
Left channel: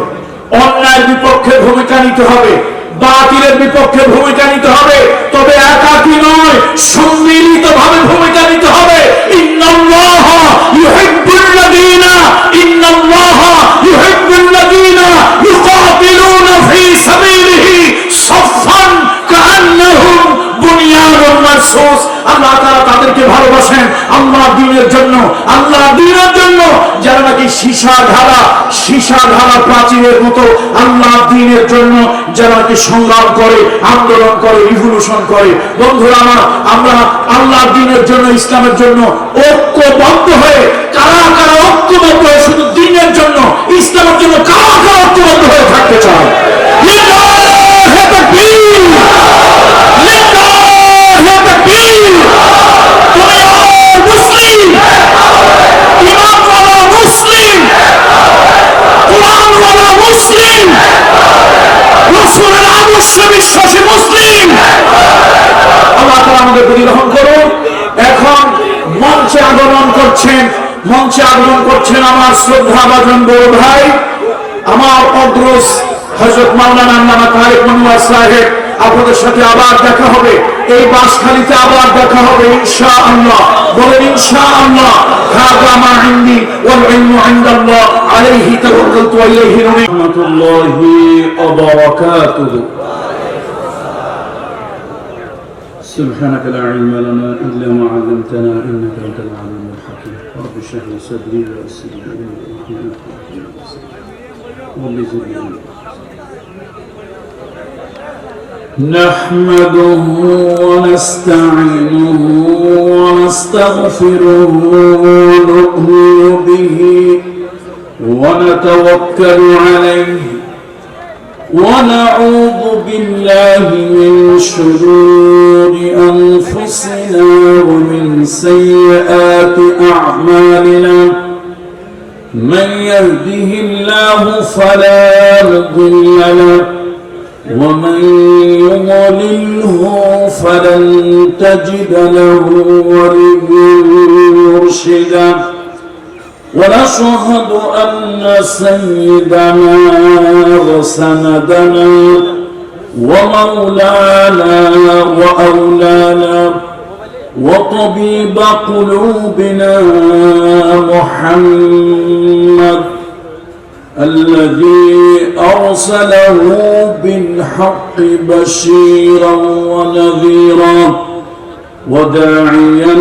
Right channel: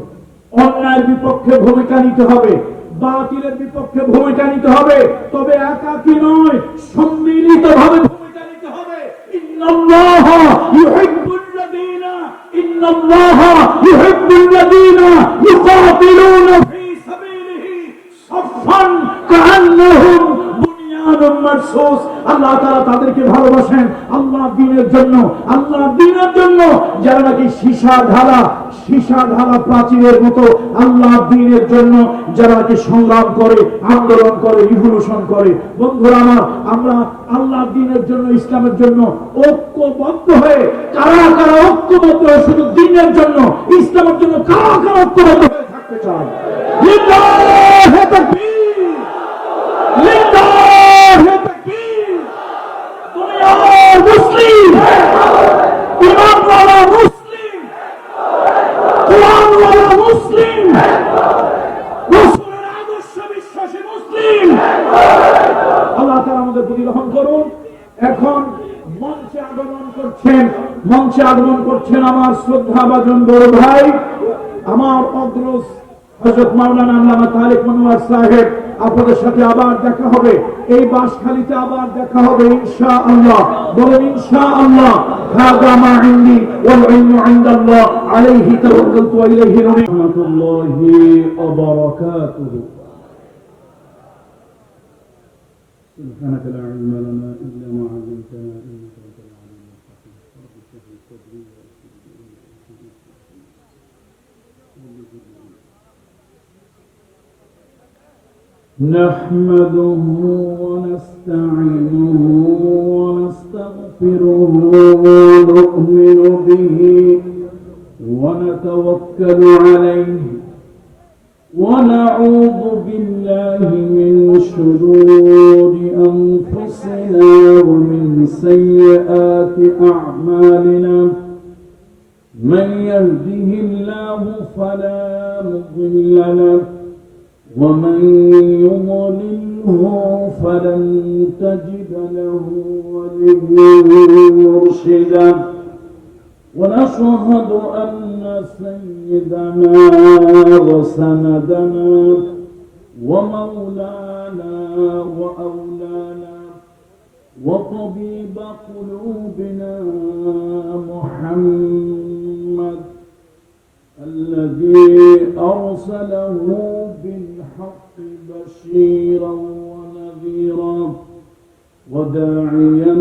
অন্যায়ের বিপক্ষে ভূমিকা নিতে হবে, বাতিলের বিপক্ষে ভূমিকা নিতে হবে। তবে একাকী নয়, সম্মিলিত ভাবে ভূমিকা নিতে হবে। ইন্নাল্লাহা ইউহিব্বুল্লাযীনা ইউকাতিলুনা ফী সাবিলিহি সাফফান কাআন্নাহুম বুনিয়ানুন মারসুস। আল্লাহ তাআলা তাদেরকে ভালোবাসেন আল্লাহর দ্বীনের জন্য, আল্লাহর দ্বীনের জন্য, যারা নাকি সীসা ঢালা প্রাচীরের মতো আল্লাহর দ্বীনের জন্য যারা নাকি সংগ্রাম করে, আন্দোলন করে, রিভলিউশন করে। বন্ধুরা আমার, আমরা আল্লাহর দ্বীনের জন্য, ইসলামের জন্য ঐক্যবদ্ধ হয়ে, কারা কারা ঐক্যবদ্ধ হয়ে শুধু দ্বীনের জন্য, ইসলামের জন্য কারা কারা ঐক্যবদ্ধ হয়ে থাকতে চায়? লিল্লাহি তাকবীর। করছেন, মঞ্চে আগমন করছেন আমার শ্রদ্ধাভাজন বড় ভাই, আমার অগ্রজ হযরত মাওলানা আল্লামা তারেক মনোয়ার সাহেব। আপনাদের সাথে আবার দেখা হবে, এই বাসখালীতে আবার দেখা হবে ইনশাআল্লাহ। বলেন ইনশাআল্লাহ। হাযা মা ইনদি ওয়াল ইলমু ইনদাল্লাহ আলাইহি তাওয়াক্কালতু ওয়া ইলাইহি রাহমাতুল্লাহি ওয়া বারাকাতুহু। سبحانك لا علم لنا إلا ما علمتنا إنك أنت العليم الحكيم رب اشرح لي صدري ويسر لي أمري واحلل عقدة من لساني رب زدني علما نحمده ونستعينه ونستغفره ونؤمن به ونتوكل عليه ونعوذ بالله من شرور أنفسنا ومن سيئات أعمالنا من يهده الله فلا مضل له ومن يضلله فلن تجد له وليا مرشدا ونشهد أن سيدنا وسندنا ومولانا وأولانا وطبيب قلوبنا محمد الذي أرسله بالحق بشيرا ونذيرا وداعيا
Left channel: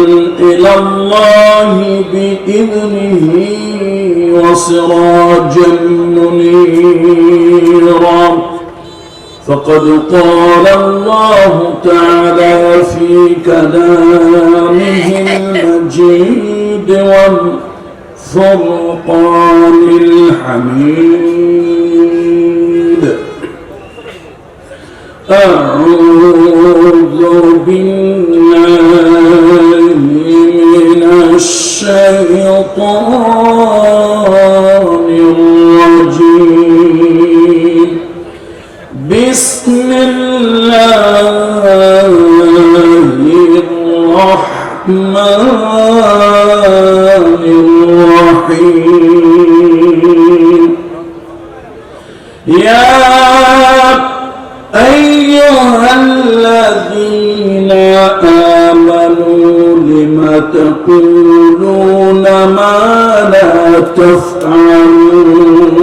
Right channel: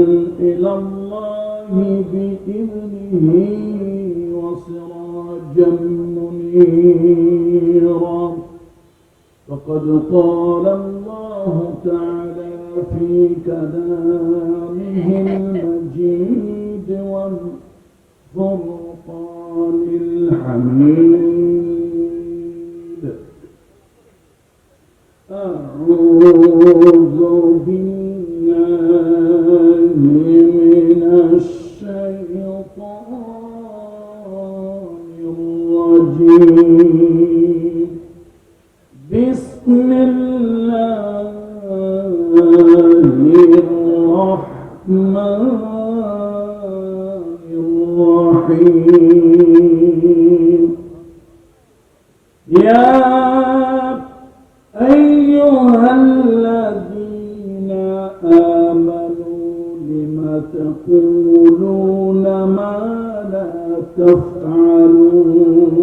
إلى الله بإذنه وسراجا منيرا فقد قال الله تعالى في كلامه المجيد والفرقان الحميد أعوذ بالله من الشيطان الرجيم بسم الله الرحمن الرحيم يا أيها الذين آمنوا لم تقولون ما لا تفعلون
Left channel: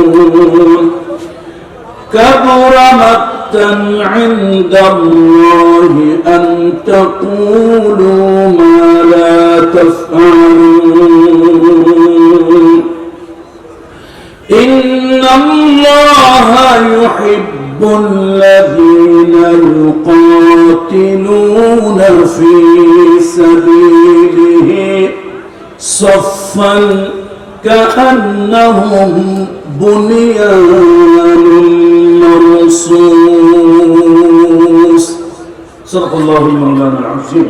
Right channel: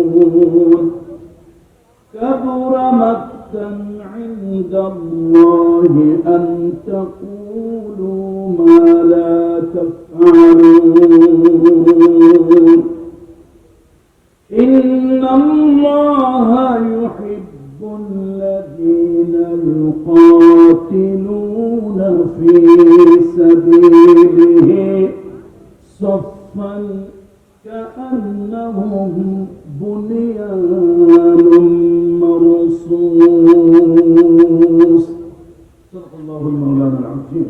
كبر مقتا عند الله أن تقولوا ما لا تفعلون إن الله يحب الذين يقاتلون في سبيله صفا كأنهم بنيان مرصوص صدق الله مولانا العظيم.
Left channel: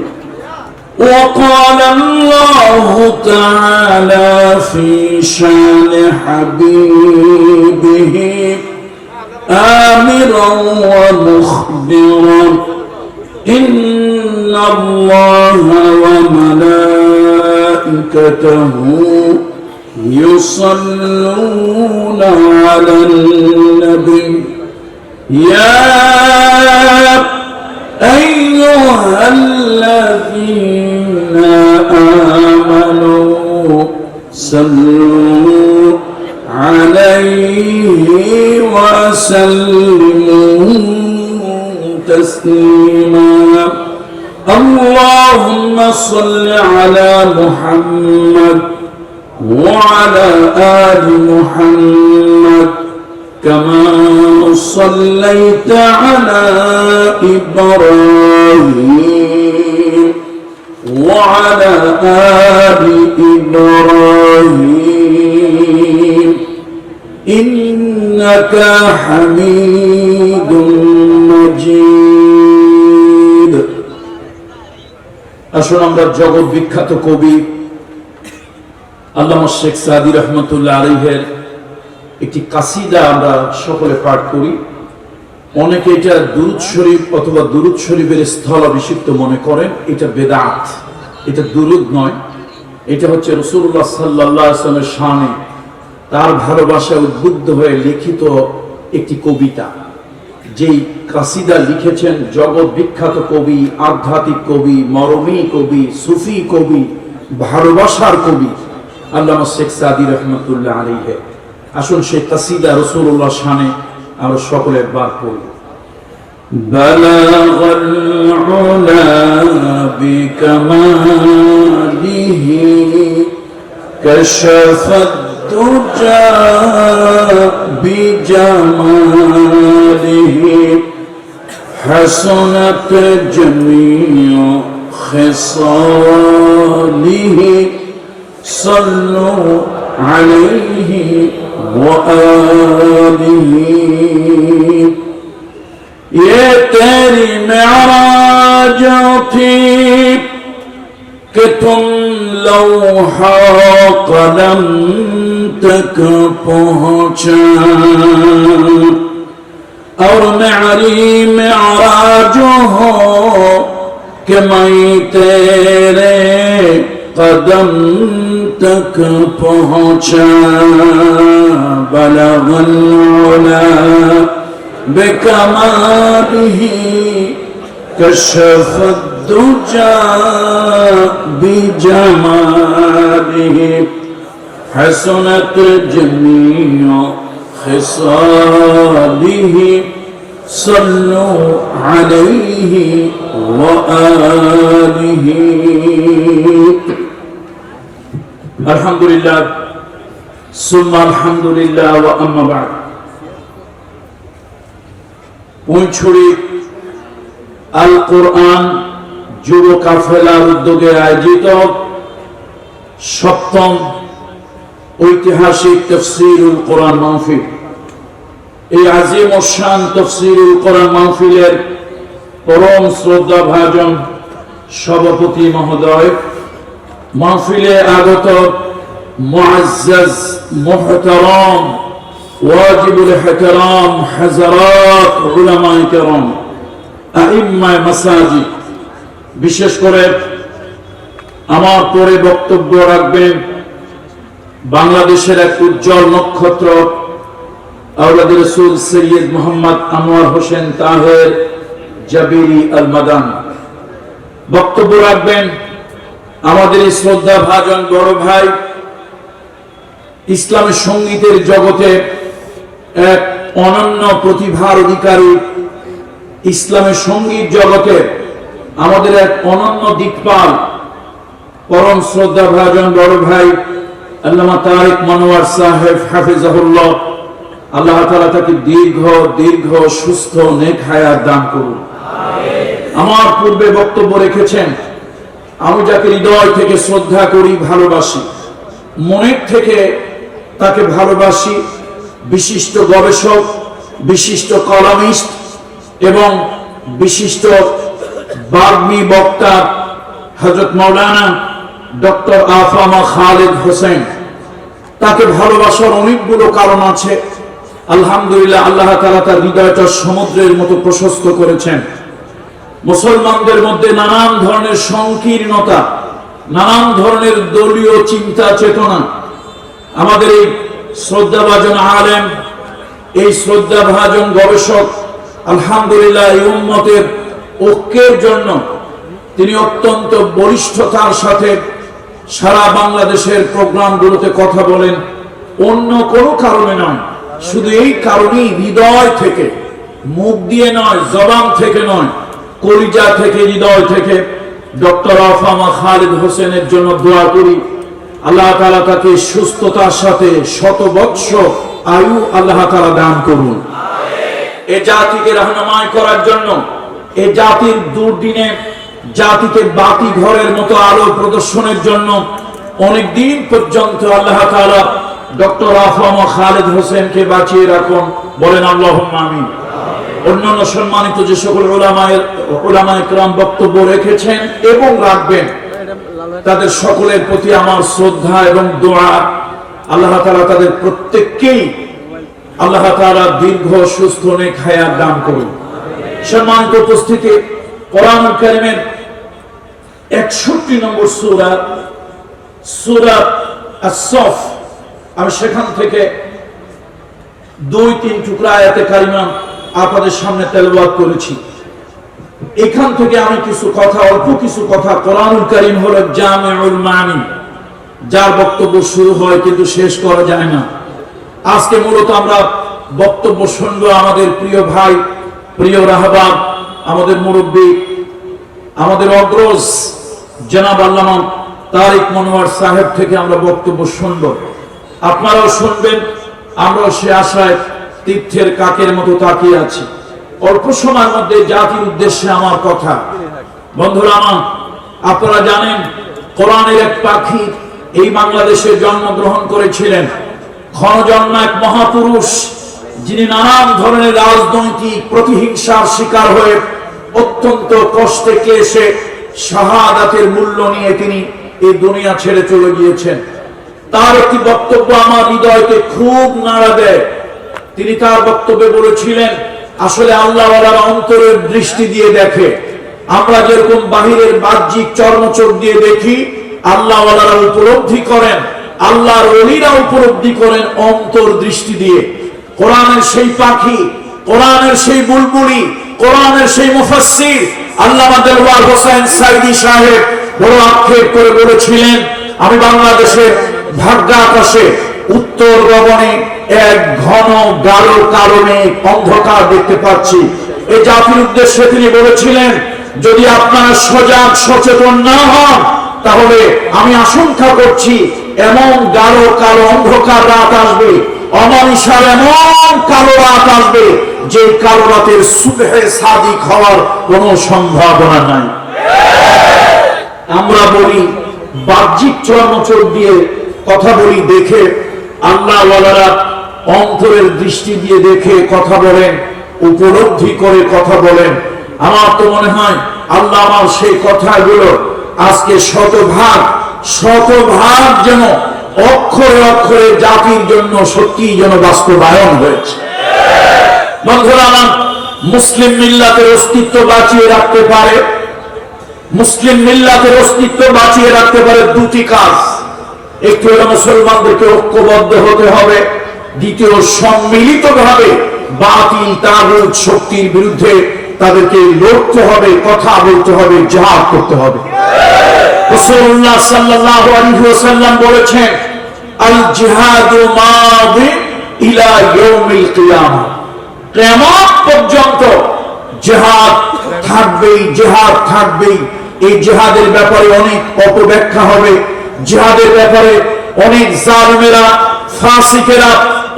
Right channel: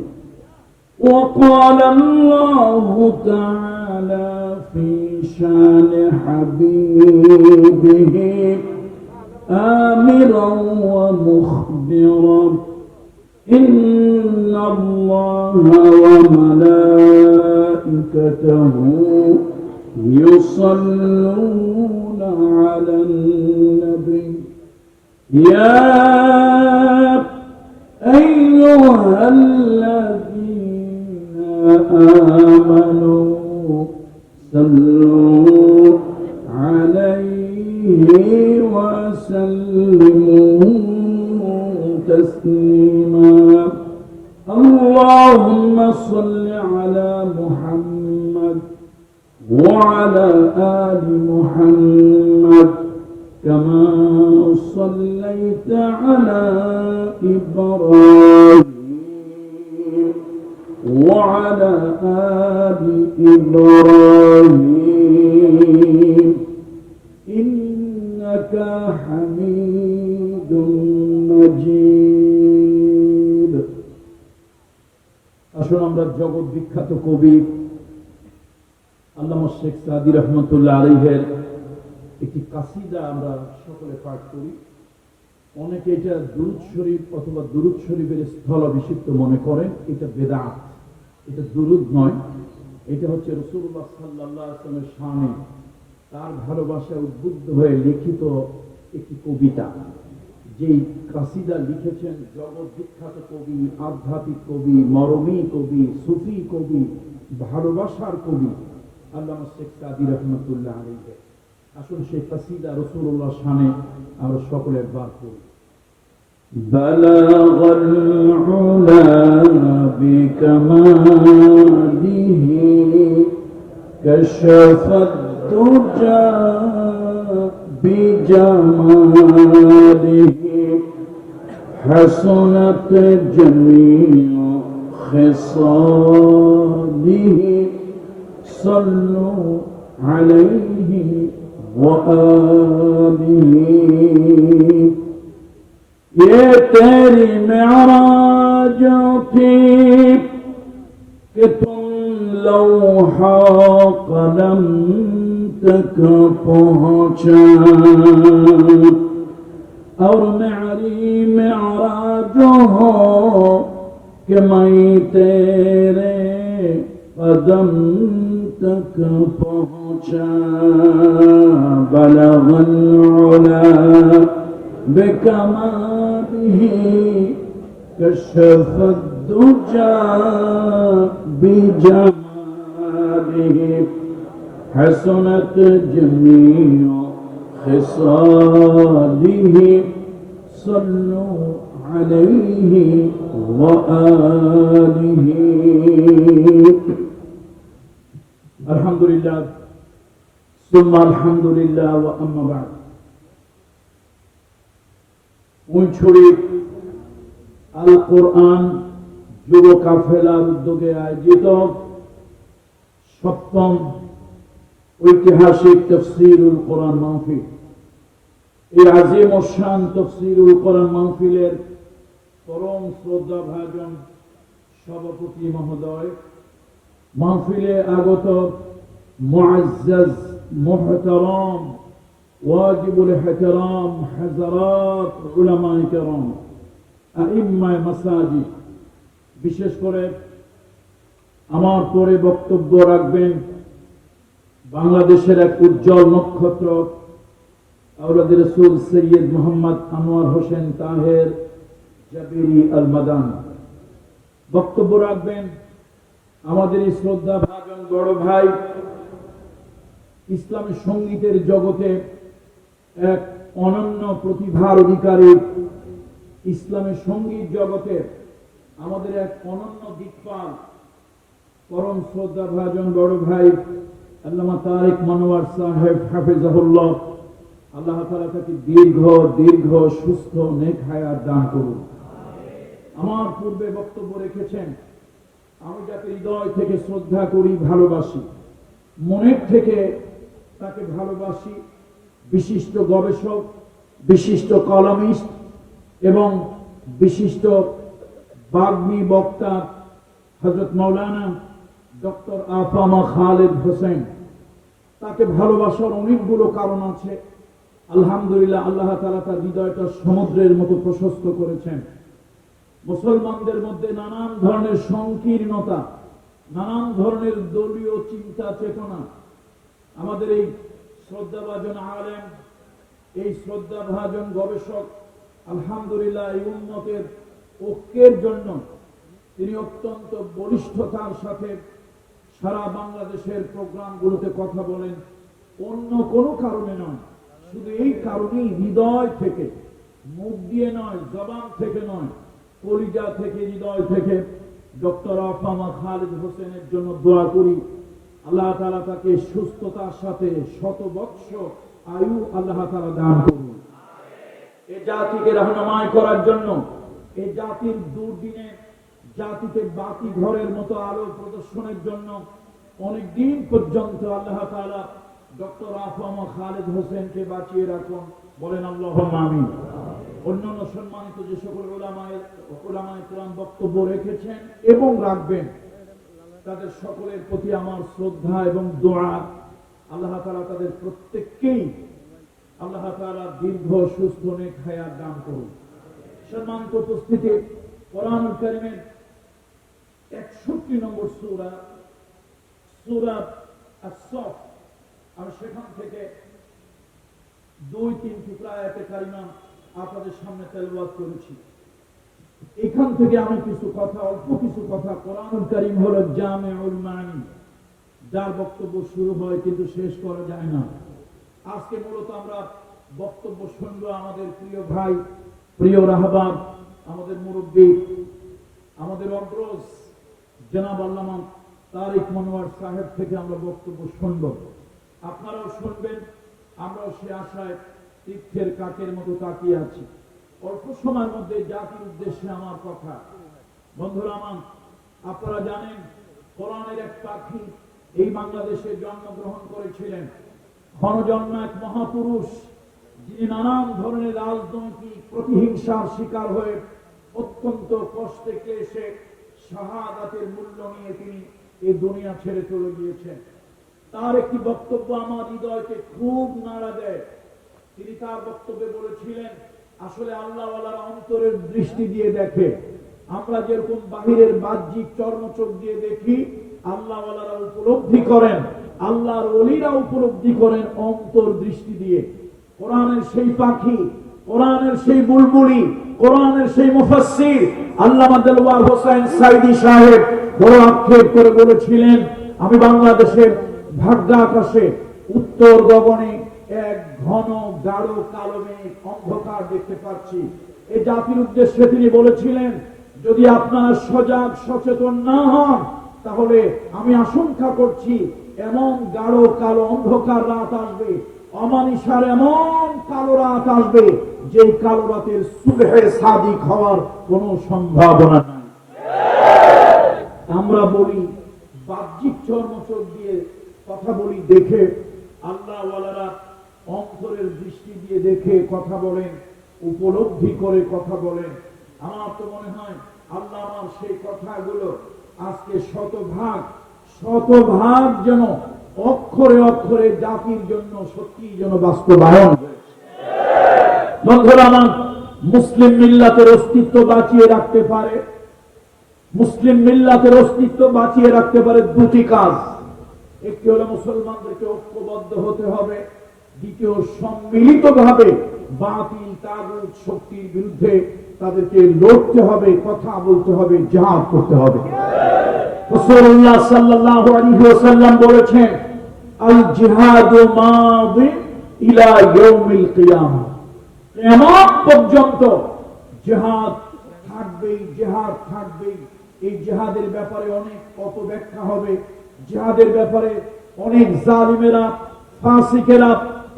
وقال الله تعالى في شان حبيبه آمرا ومخبرا إن الله وملائكته يصلون على النبي يا أيها الذين آمنوا صلوا عليه وسلموا تسليما اللهم صل على محمد وعلى آل محمد كما صليت على إبراهيم وعلى آل إبراهيم إنك حميد مجيد. আসুন আমরা জগৎ বিখ্যাত কবি আল্লামা শেখ সাদি রহমতুল্লাহ আলাইহির একটি কাসিদা আমরা সকলে পাঠ করি। অনেকে এটা দুরূদ শরীফ অথবা দুরূদ শরীফের স্থল অভিষিক্ত মনে করেন, এটা বেদাত, এটা দুরূদ নয়। এটা হচ্ছে রাসূলুল্লাহ সাল্লাল্লাহু আলাইহি ওয়াসাল্লামের শানে তার ভালোবাসায় উদ্বুদ্ধ হয়ে লিখিত একটি কবিতা। যেই কাসিদা লিখেছেন জগৎ বিখ্যাত কবি, আধ্যাত্মিক কবি, মরমী কবি, সুফি কবি, ভালোবাসার কবি আল্লামা শেখ সাদী রহমতুল্লাহ আলাইহি। আসুন সেই কাসিদা রাসূলুল্লাহ শানে আমরা সকলে একবার পড়ি। بلغ العلا بكماله كشف الدجى بجماله حسنت جميع خصاله صلوا عليه وآله ये तेरी मेराज थी कि तुम लौहा कलम तक पहुंचा और मेरी मेराज हो कि मैं तेरे कदम तक पहुंचा बलगल उला بكماله كشف الدجى بجماله حسنت جميع خصاله صلوا عليه وآله الحمد لله ثم الحمد لله وأما بعد। পুঁইছড়ি আল কোরআন যুব কাফেলার উদ্যোগে আয়োজিত সপ্তম ঐতিহাসিক তাফসীরুল কোরআন মাহফিল, এই আজিম ও শান তাফসীরুল কোরআন মাহফিলের পরম শ্রদ্ধাভাজন সভাপতি মহোদয়, মাহফিলে আগত মুআজ্জাজ মুহতারাম ওয়াজিবুল ইহতিরাম হাজারাত উলামায়ে কেরাম, আইম্মায়ে মাসাজিদ, বিশেষ করে আমার পরে বক্তব্য রাখবেন বাংলাদেশের এক উজ্জ্বল নক্ষত্র আওলাদে রাসূল সৈয়দ মোহাম্মদ আনোয়ার হোসেন তাহের জাবিরি আল মাদানী। বক্তব্য রাখবেন আমাদের এই শ্রদ্ধাভাজন বড় ভাই, ইসলামী সঙ্গীতের জগতে এক অনন্য প্রতিভার অধিকারী, ইসলামের সঙ্গীত জগতে আমাদের এক অনন্য দিকপাল, পরম শ্রদ্ধাভাজন বড় ভাই আল্লামা তারিক মনোয়ার সাহেব হাফিজাহুল্লাহ। আল্লাহ তাআলা তাকে দীর্ঘ সুস্থ নেক হায়াত দান করুন। আমার পূর্বে বক্তব্য রেখেছেন, আমি যাকে হৃদয় থেকে শ্রদ্ধা করি, ভালোবাসি, মনের থেকে তাকে ভালোবাসি, বিশিষ্ট গবেষক, বিশিষ্ট কলামিস্ট এবং বিশিষ্ট বাগ্মী বক্তা হযরত মাওলানা ডক্টর আফামা খালিদ হোসেন। তাকে ভালোবাসার অনেকগুলো কারণ আছে। আলহামদুলিল্লাহ, আল্লাহ তাআলা তার হৃদয়টা সমুদ্রের মতো প্রশস্ত করেছেন। মুসলমানদের মধ্যে নানান ধরনের সংকীর্ণতা, নানান ধরনের দলীয় চিন্তা চেতনা, আমাদের এই শ্রদ্ধাভাজন আলেম, এই শ্রদ্ধাভাজন গবেষক আলহামদুলিল্লাহ এই উম্মতের ঐক্যের জন্য তিনি অত্যন্ত বলিষ্ঠতার সাথে সারা বাংলাদেশের প্রোগ্রামগুলোতে কথা বলেন। অন্য কোনো কারণে নয়, শুধু এই কারণেই হৃদয় থেকে, মুখ দিয়ে নয়, জবান থেকে নয়, কলিজা থেকে, হৃদয় থেকে ডক্টর আফামা খালিদ হোসেনের জন্য দোয়া করি। আল্লাহ তাআলা তাকে সুস্থতার সাথে শত বৎসর আয়ু আল্লাহ তাআলা দান করুন। এ জাতিকে রাহনুমাই করার জন্য, এ জাতির দুর্দিনে জাতিকে বাতি ঘরের মতো আলো প্রদর্শনের জন্য অনেক দিন পর্যন্ত আল্লাহ তাআলা ডক্টর আফামা খালিদ হোসেনকে বাঁচিয়ে রাখুন। বলেন আল্লাহুম্মা আমিন। অন্যান্য সম্মানিত যে সকল উলামায়ে কেরাম বক্তব্য রেখেছেন এবং রাখবেন, তাদের সকলের প্রতি আমার শ্রদ্ধা এবং দোয়া। আল্লাহ তাআলা তাদের প্রত্যেককেই আল্লাহ তাআলা দীর্ঘ সুস্থ নেক হায়াত দান করুন। সম্মানিত উপস্থিতি, কোরআনুল কারীমের 61 নম্বর সূরা সূরা আস-সফ, আমি সেখান থেকে 2-3 টুকরা আয়াতে কারিমা আপনাদের সামনে তেলাওয়াত করেছি। এখান থেকে আমি কিছু কথা, অল্প কিছু কথা, কোরআনুল কারীম হলো জামিউল মানি, যার বক্তব্য শুরু হয় কিন্তু শেষ করা যায় না। আজকে মূলত আমরা বক্তব্য শুনবো আমাদের প্রিয় ভাই, প্রিয় রাহবার, আমাদের মুরব্বী, আমাদের অগ্রজ জনাব আল্লামা তারিক মনোয়ার সাহেব থেকে আমরা বক্তব্য শুনবো। আপনারাও শুনবেন, আমরাও সে আশায় তীর্থের কাকের মতো তাকিয়ে আছি। অল্প সময়ের মধ্যে জাতির উদ্দেশ্যে আমার কথা। বন্ধুরা আমার, আপনারা জানেন কোরআনের এক পাখি এই বাংলাদেশে জন্মগ্রহণ করেছিলেন, ক্ষণজন্ম এক মহাপুরুষ, যিনি নানান ধরনের রাজনৈতিক প্রতিহিংসার শিকার হয়ে অত্যন্ত কষ্টে ক্লেশে শাহাদাতের মূল্য নিয়ে তিনি এই দুনিয়া ছেড়ে চলে গিয়েছেন। তার একটি বক্তব্য আমার হৃদয়কে খুব নাড়া দেয়। তিনি তার বক্তব্যে বলেছিলেন, আসলে আল্লাহওয়ালারা অন্তরের দৃষ্টি দিয়ে দেখে। আমরা যেরকম বাহিরের বাহ্যিক চর্মচোখ দিয়ে দেখি, আল্লাহওয়ালারা উপলব্ধি করেন, আল্লাহর ওলিরা উপলব্ধি করেন অন্তর দৃষ্টি দিয়ে। কোরআনের সেই পাখি, কোরআনের সেই বুলবুলি, কোরআনের সেই মুফাসসির আল্লামা দেলওয়ার হোসেন সাইদি সাহেব বড় আক্ষেপ করে বলেছিলেন, আমি বাংলাদেশের ভাগ্যাকাশে উত্তর গগনে এক ঘন গাঢ় কারণে অন্ধকার দেখতে পাচ্ছি। এই জাতির উদ্দেশ্যে তিনি বলেছিলেন, যদি আপনারা সজাগ সচেতন না হন, তাহলে আমি আশঙ্কা করছি এমন গাঢ় কালো অন্ধকার রাত আসবে, অমানিসার এমন কালো রাত আসবে, যে কালো রাতের সুবহে সাদিক হওয়ার কোনো সম্ভাবনা নাই। আমরা বলি বাহ্যিক চর্মচোখ দিয়ে কথা বলি, দেখে আল্লাহওয়ালারা অন্তরের দৃষ্টি দিয়ে দেখে কথা বলেন, উপলব্ধি করে কথা বলেন। আমার তো মনে হয় আল্লাহ আমার সেই কথাগুলো আজকে শতভাগ যেন অক্ষরে অক্ষরে জাতির জন্য সত্যি যেন বাস্তবায়ন হয়েছে। বন্ধুরা আমার, মুসলিম মিল্লাতের অস্তিত্ব বাঁচিয়ে রাখতে পারে, মুসলিম মিল্লাতের অস্তিত্ব বাঁচিয়ে রাখতে পারে দুটি কাজ। একটু হলো মুসলমানদেরকে ঐক্যবদ্ধ হতে হবে, দ্বিতীয় সম্মিলিতভাবে বাতিল তাগুত শক্তির বিরুদ্ধে তাদেরকে লড়তে হবে, কথা বলতে হবে, জিহাদ করতে হবে। রাসূলুল্লাহ সাল্লাল্লাহু আলাইহি ওয়াসাল্লাম বলেছেন, আল জিহাদু মাদি ইলা ইয়াউমিল কিয়ামা, কিয়ামত পর্যন্ত জিহাদ থাকবেই, জিহাদ থাকবেই। এই জিহাদের ব্যাপারে অনেক অপব্যাখ্যা হবে, জিহাদের ব্যাপারে অনেক জালিমেরা, ফাসিকেরা,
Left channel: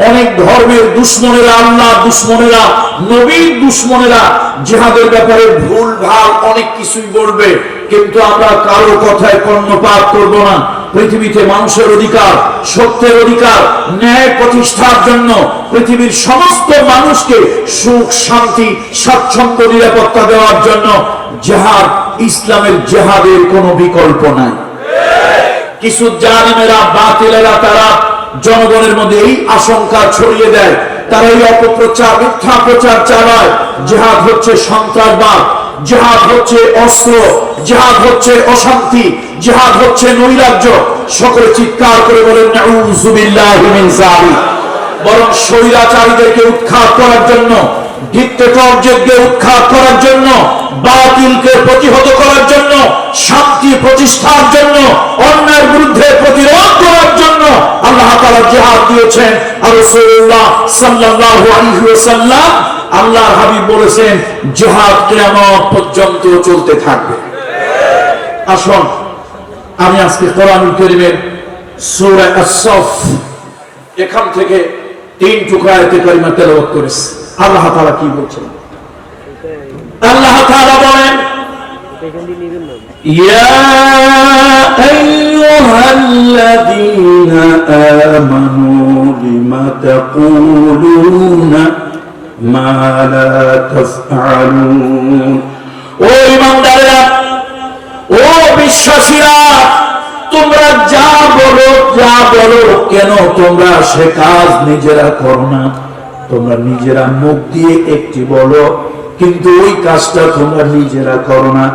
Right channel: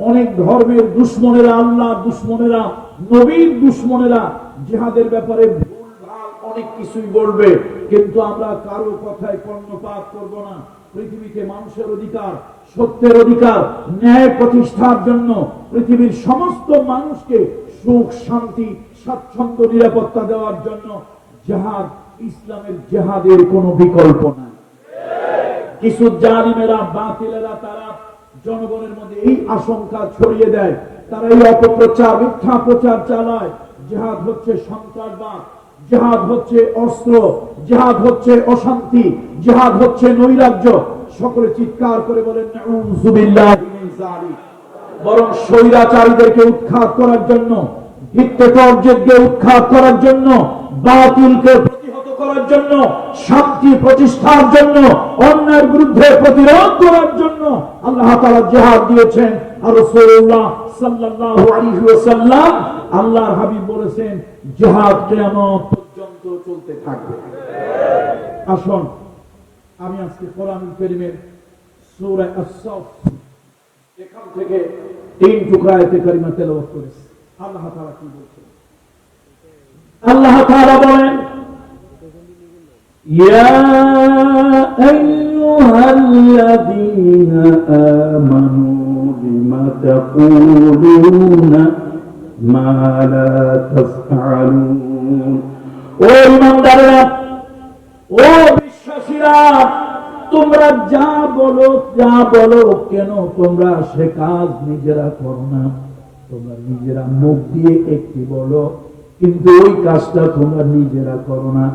অনেক ধর্মের দুশমনেরা, আল্লাহ দুশমনেরা, নবীর দুশমনেরা জিহাদের ব্যাপারে ভুল ভাল অনেক কিছুই বলবে, কিন্তু আমরা কারো কথায় কর্ণপাত করব না। পৃথিবীতে মানুষের অধিকার, সত্যের অধিকার, ন্যায় প্রতিষ্ঠার জন্য পৃথিবীর সমস্ত মানুষকে সুখ, শান্তি, স্বাচ্ছন্দ্য, নিরাপত্তা দেওয়ার জন্য জিহাদ, ইসলামের জিহাদের কোনো বিকল্প নাই। কিছু জালিমেরা, বাতিলেরা তারা জনগণের মধ্যে এই আশঙ্কা ছড়িয়ে দেয়, তারা এই অপপ্রচার, মিথ্যা প্রচার চালায়, জিহাদ হচ্ছে সন্ত্রাসবাদ, জিহাদ হচ্ছে অস্ত্র, জিহাদ হচ্ছে অশান্তি, জিহাদ হচ্ছে নৈরাজ্য। সকলে চিৎকার করে বলেন নাউযু বিল্লাহি মিন যালিক। বরং স্বৈরাচারীদেরকে উৎখাত করার জন্য, ডিক্টেটরদেরকে উৎখাত করার জন্য, বাতিলকে প্রতিহত করার জন্য, শান্তি প্রতিষ্ঠার জন্য, অন্যায়ের বিরুদ্ধে প্রতিরোধ করার জন্য আল্লাহ তাআলা জিহাদ দিয়েছেন। আর রাসূলুল্লাহ সাল্লাল্লাহু আলাইহি ওয়াসাল্লাম, আল্লাহর হাবিব বলেছেন, জিহাদ কিয়ামত পর্যন্ত চলতে থাকবে। আসুন আমি আজকে কোরআনুল কারীমের সূরা আস-সফ এখান থেকে 3 টুকরা আয়াতে কারিমা তেলাওয়াত করেছি। আল্লাহ তাআলা কি বলছেন? আল্লাহ তাআলা বলেন, ইয়া আইয়ুহাল্লাযীনা আমানু লিমা তাকুলুনা মা লা তাফআলুন। ও ঈমানদারেরা, ও বিশ্বাসীরা, তোমরা যা বলো কেন তোমরা সে কাজ নিজেরা করো না। তোমরা নিজেরা মুখ দিয়ে একটি বলো, কিন্তু ওই কাজটা তোমরা নিজেরা করো না,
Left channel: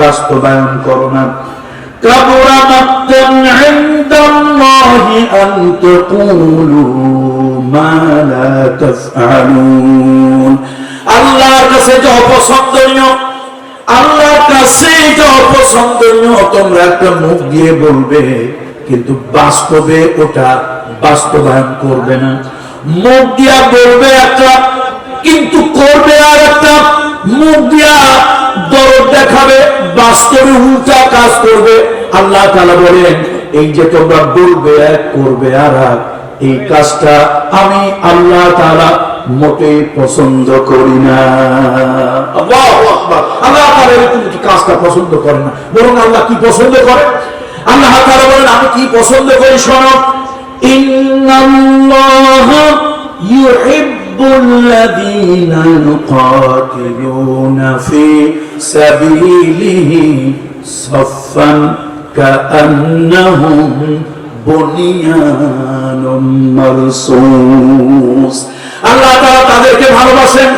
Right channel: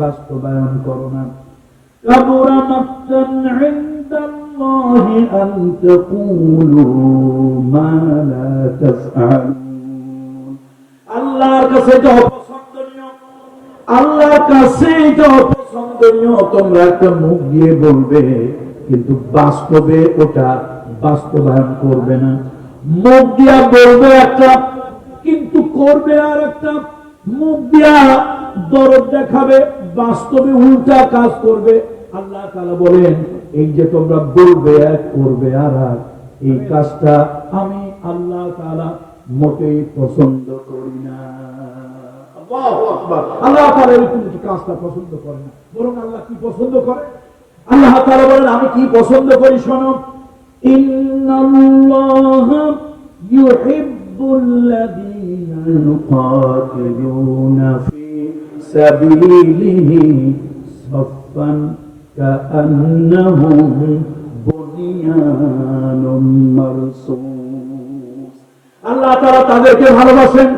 বাস্তবায়ন করো না। কাবুরা মাক্তান আল্লাহি আন তাকুলু মা লা তাফআলুন। আল্লাহর কাছে যে অপছন্দনীয়, আল্লাহর কাছে যে অপছন্দনীয় তোমরা একটা মুখ দিয়ে বলবে, কিন্তু বাস্তবে ওটা বাস্তবায়ন করবে না। মুখ দিয়া বলবে একটা, কিন্তু করবে আর একটা। মুখ দিয়া দরদ দেখাবে, বাস্তবে উল্টা কাজ করবে। আল্লাহ তাআলা বলেন, এই যে তোমরা বলবে এক, করবে আর এক, এই কাজটা আমি আল্লাহ তাআলা মোটেই পছন্দ করি না। আল্লাহু আকবার। আল্লাহ তাআলা এরকম কাজটা পছন্দ করে না, বরং আল্লাহ কি পছন্দ করে? আল্লাহ তাআলা বলেন, আমি কি পছন্দ করি শোনো। ইন্নাল্লাহা ইউহিব্বুল্লাযীনা ইউকাতিলুনা ফী সাবিলিহি সাফফান কাআন্নাহুম বুনিয়ানুম মারসুস। আল্লাহ তাআলা তাদেরকে ভালোবাসেন,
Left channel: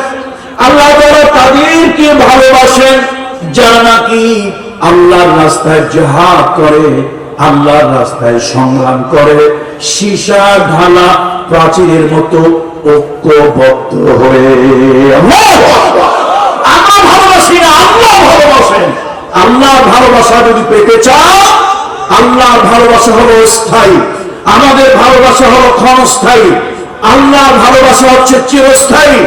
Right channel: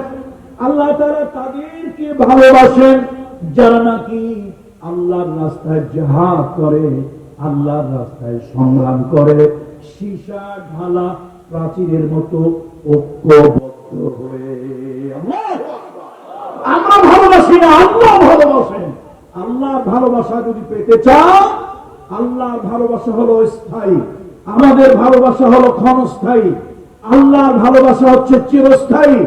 আল্লাহ তাআলা তাদেরকে ভালোবাসেন যারা নাকি আল্লাহর রাস্তায় জিহাদ করে, আল্লাহর রাস্তায় সংগ্রাম করে, সীসা ঢালা প্রাচীরের মতো ঐক্যবদ্ধ হয়ে। আল্লাহু আকবার। আমরা ভালোবাসি না, আল্লাহ ভালোবাসেন। আল্লাহর ভালোবাসা যদি পেতে চাও, আল্লাহর ভালোবাসা হলো স্থায়ী, আমাদের ভালোবাসা হলো ক্ষণস্থায়ী। আল্লাহর ভালোবাসা হচ্ছে চিরস্থায়ী,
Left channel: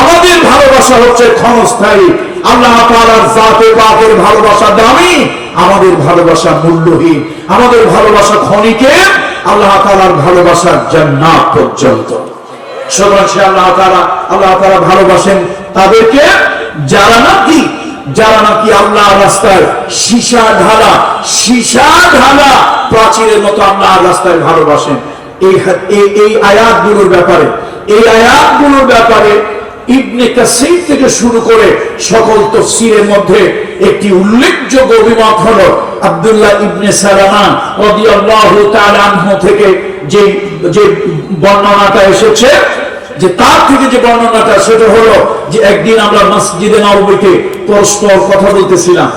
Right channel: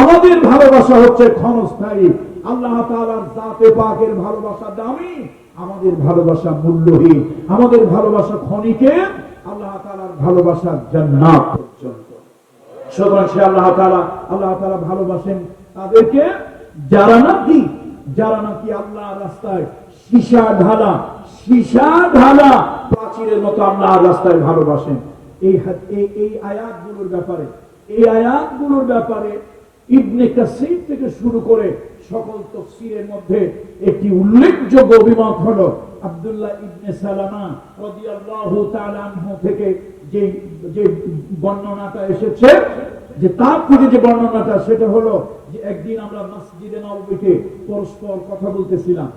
আমাদের ভালোবাসা হচ্ছে ক্ষণস্থায়ী। আল্লাহ তাআলার জাতে পাকের ভালোবাসা দামি, আমাদের ভালোবাসা মূল্যহীন। আমাদের ভালোবাসা ক্ষণিকের, আল্লাহ তাআলার ভালোবাসা জান্নাত পর্যন্ত। সুতরাং সে আল্লাহ তাআলা ভালোবাসেন তাদেরকে যারা নাকি আল্লাহর রাস্তায় সীসা ঢালা প্রাচীরের মতো আল্লাহর রাস্তায় ভালোবাসেন। এই আয়াতগুলোর ব্যাপারে ইবনে কাসীর থেকে শুরু করে সকল তাফসীরের মধ্যে একটি উল্লেখযোগ্য অভিমত হলো আব্দুল্লাহ ইবনে সালামা রাদিয়াল্লাহু তাআলা আনহু থেকে যে বর্ণনাটা এসেছে, যে তার থেকে যে বর্ণনাটা, সেটা হলো যে একদিন আমরা মসজিদে নববীতে পরস্পর কথা বলতেছিলাম,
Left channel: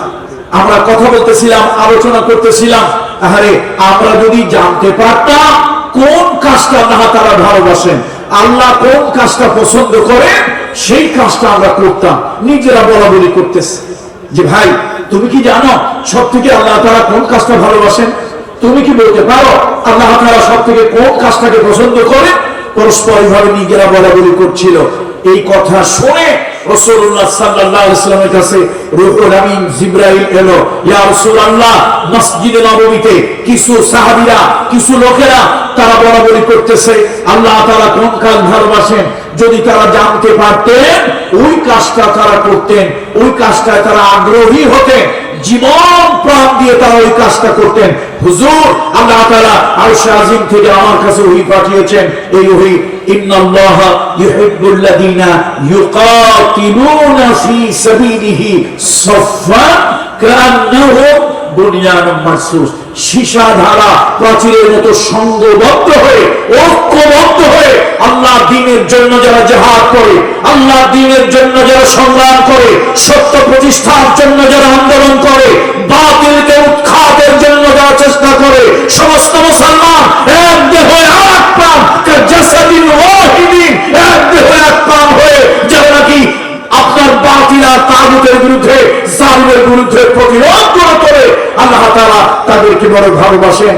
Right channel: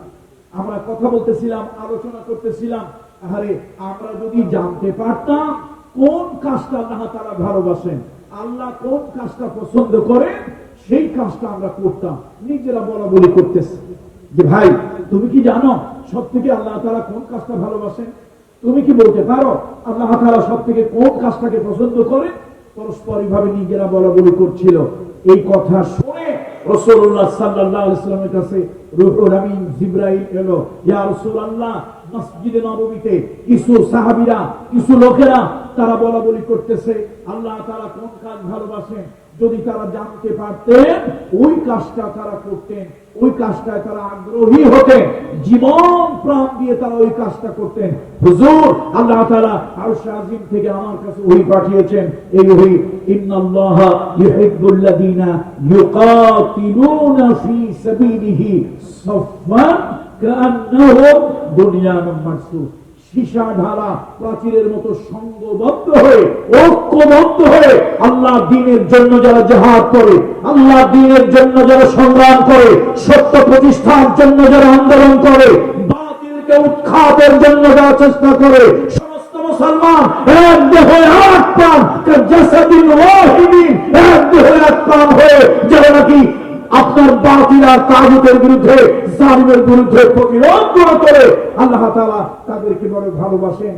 আলোচনা করতেছিলাম। আরে আমরা যদি জানতে পারতাম কোন কাজটা আল্লাহ তাআলা ভালোবাসেন, আল্লাহ কোন কাজটা পছন্দ করেন, সেই কাজটা আমরা করতাম। নিজেরা বলা বলি করতেছি যে ভাই তুমি কি জানো সব থেকে আল্লাহ তাআলা কোন কাজটা ভালোবাসেন? তুমি কি বলতে পারো আল্লাহ তাআলা সব থেকে কোন কাজটাকে পছন্দ করে? পরস্পর ভাবে নিজেরা বলা বলি করছিল। এই কথা শুনে রাসূলুল্লাহ সাল্লাল্লাহু আলাইহি ওয়াসাল্লামের কাছে রূহুল আমিন জিবরাইল এলো। ইয়া রাসূলুল্লাহ, মসজিদে নববীতে কিছু সাহাবীরা, কিছু লোকেরা তারা বলা বলি করতেছে আল্লাহ তাআলা কোন কাজ ভালোবাসেন। যদি তারা জানতে পারতেন, ওই কাজটা তারা করতেন, ওই কাজটায় তারা আগ্রহী হতেন, জীবন প্রাণ দিয়ে তারা ওই কাজটা করতেন। হুজুর, আল্লাহ তাআলা আরশে আজিম থেকে আমার কাছে ওহী পাঠিয়েছেন। এই ওহী, ইন্নাল্লাহা ইউহিব্বুল্লাযীনা ইউকাতিলুনা ফী সাবিলিহি সাফফান কাআন্নাহুম বুনিয়ানুম মারসুস। সীসা ঢালা প্রাচীরের মতো সংঘবদ্ধ হয়ে, ঐক্যবদ্ধ হয়ে আল্লাহর দ্বীনের জন্য যারা জিহাদ করে, আল্লাহর দ্বীনের জন্য যারা সংগ্রাম করে, সত্য প্রতিষ্ঠার জন্য যারা আন্দোলন করে, বাতিলকে উৎখাতের জন্য যারা চেষ্টা করে, সমস্ত মুসলমান এক দেহ এক প্রাণ, কাজাসাদিন ওয়াহিদিন, এক দেহ এক প্রাণ হয়ে যারা নাকি আপনার বাতিল আর তাগুতের বিরুদ্ধে, জালিমের বিরুদ্ধে প্রতিরোধ করে তোলে, আল্লাহ তাআলা তাদেরকে বড় ভালোবাসেন।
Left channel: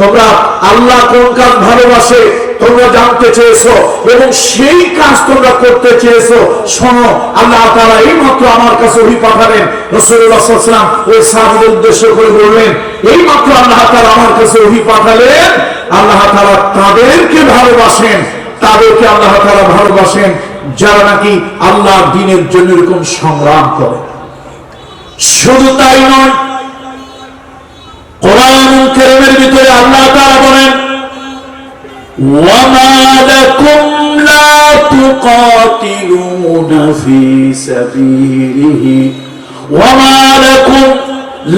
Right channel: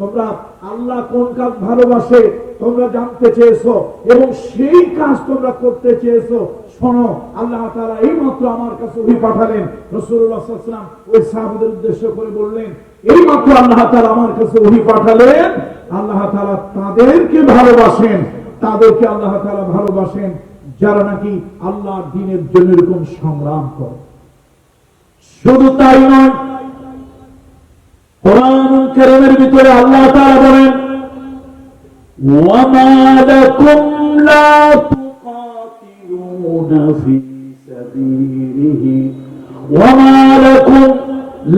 তোমরা আল্লাহ কোন কাজ ভালোবাসে তোমরা জানতে চেয়েছো এবং সেই কাজ তোমরা করতে চেয়েছো। শোনো, আল্লাহ তাআলা এই মাত্র আমার কাছে ওহী পাঠালেন। রাসূলুল্লাহ সাল্লাল্লাহু আলাইহি ওয়াসাল্লাম ওই সাহাবীদের উদ্দেশ্য করে বললেন, এই মাত্র আল্লাহ তাআলা আমার কাছে ওহী পাঠালেন, আল্লাহ তাআলা তাদেরকে ভালোবাসেন, তাদেরকে আল্লাহ তাআলা ভালোবাসেন যারা নাকি আল্লাহর দ্বীনের জন্য এরকম সংগ্রাম করে। শুধু তাই নয়, কোরআনুল কারীমের ভিতরে আল্লাহ তাআলা বলেন, ওয়ামা লাকুম লা তুকাতিলুনা ফী সাবিলিহি ওয়ামা লাকুম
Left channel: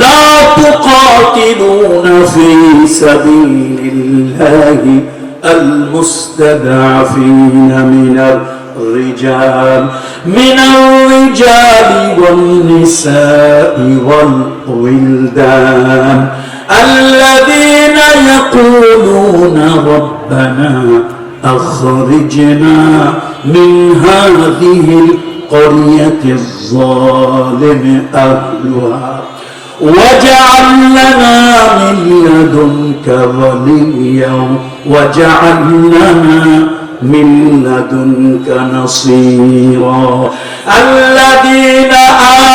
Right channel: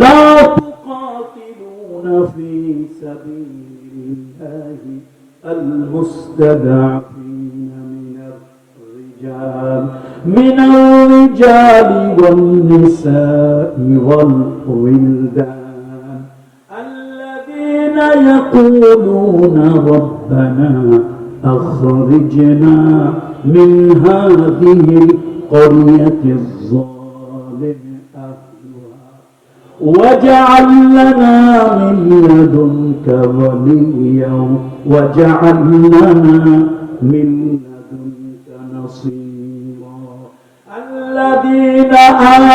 লা তুকাতিলুনা ফী সাবিলিল্লাহি আল মুস্তাদআফিনা মিনার من الرجال والنساء والولدان الذين يقولون ربنا أخرجنا من هذه القرية الظالم أهلها واجعل لنا من لدنك وليا واجعل لنا من لدنك نصيرا الذين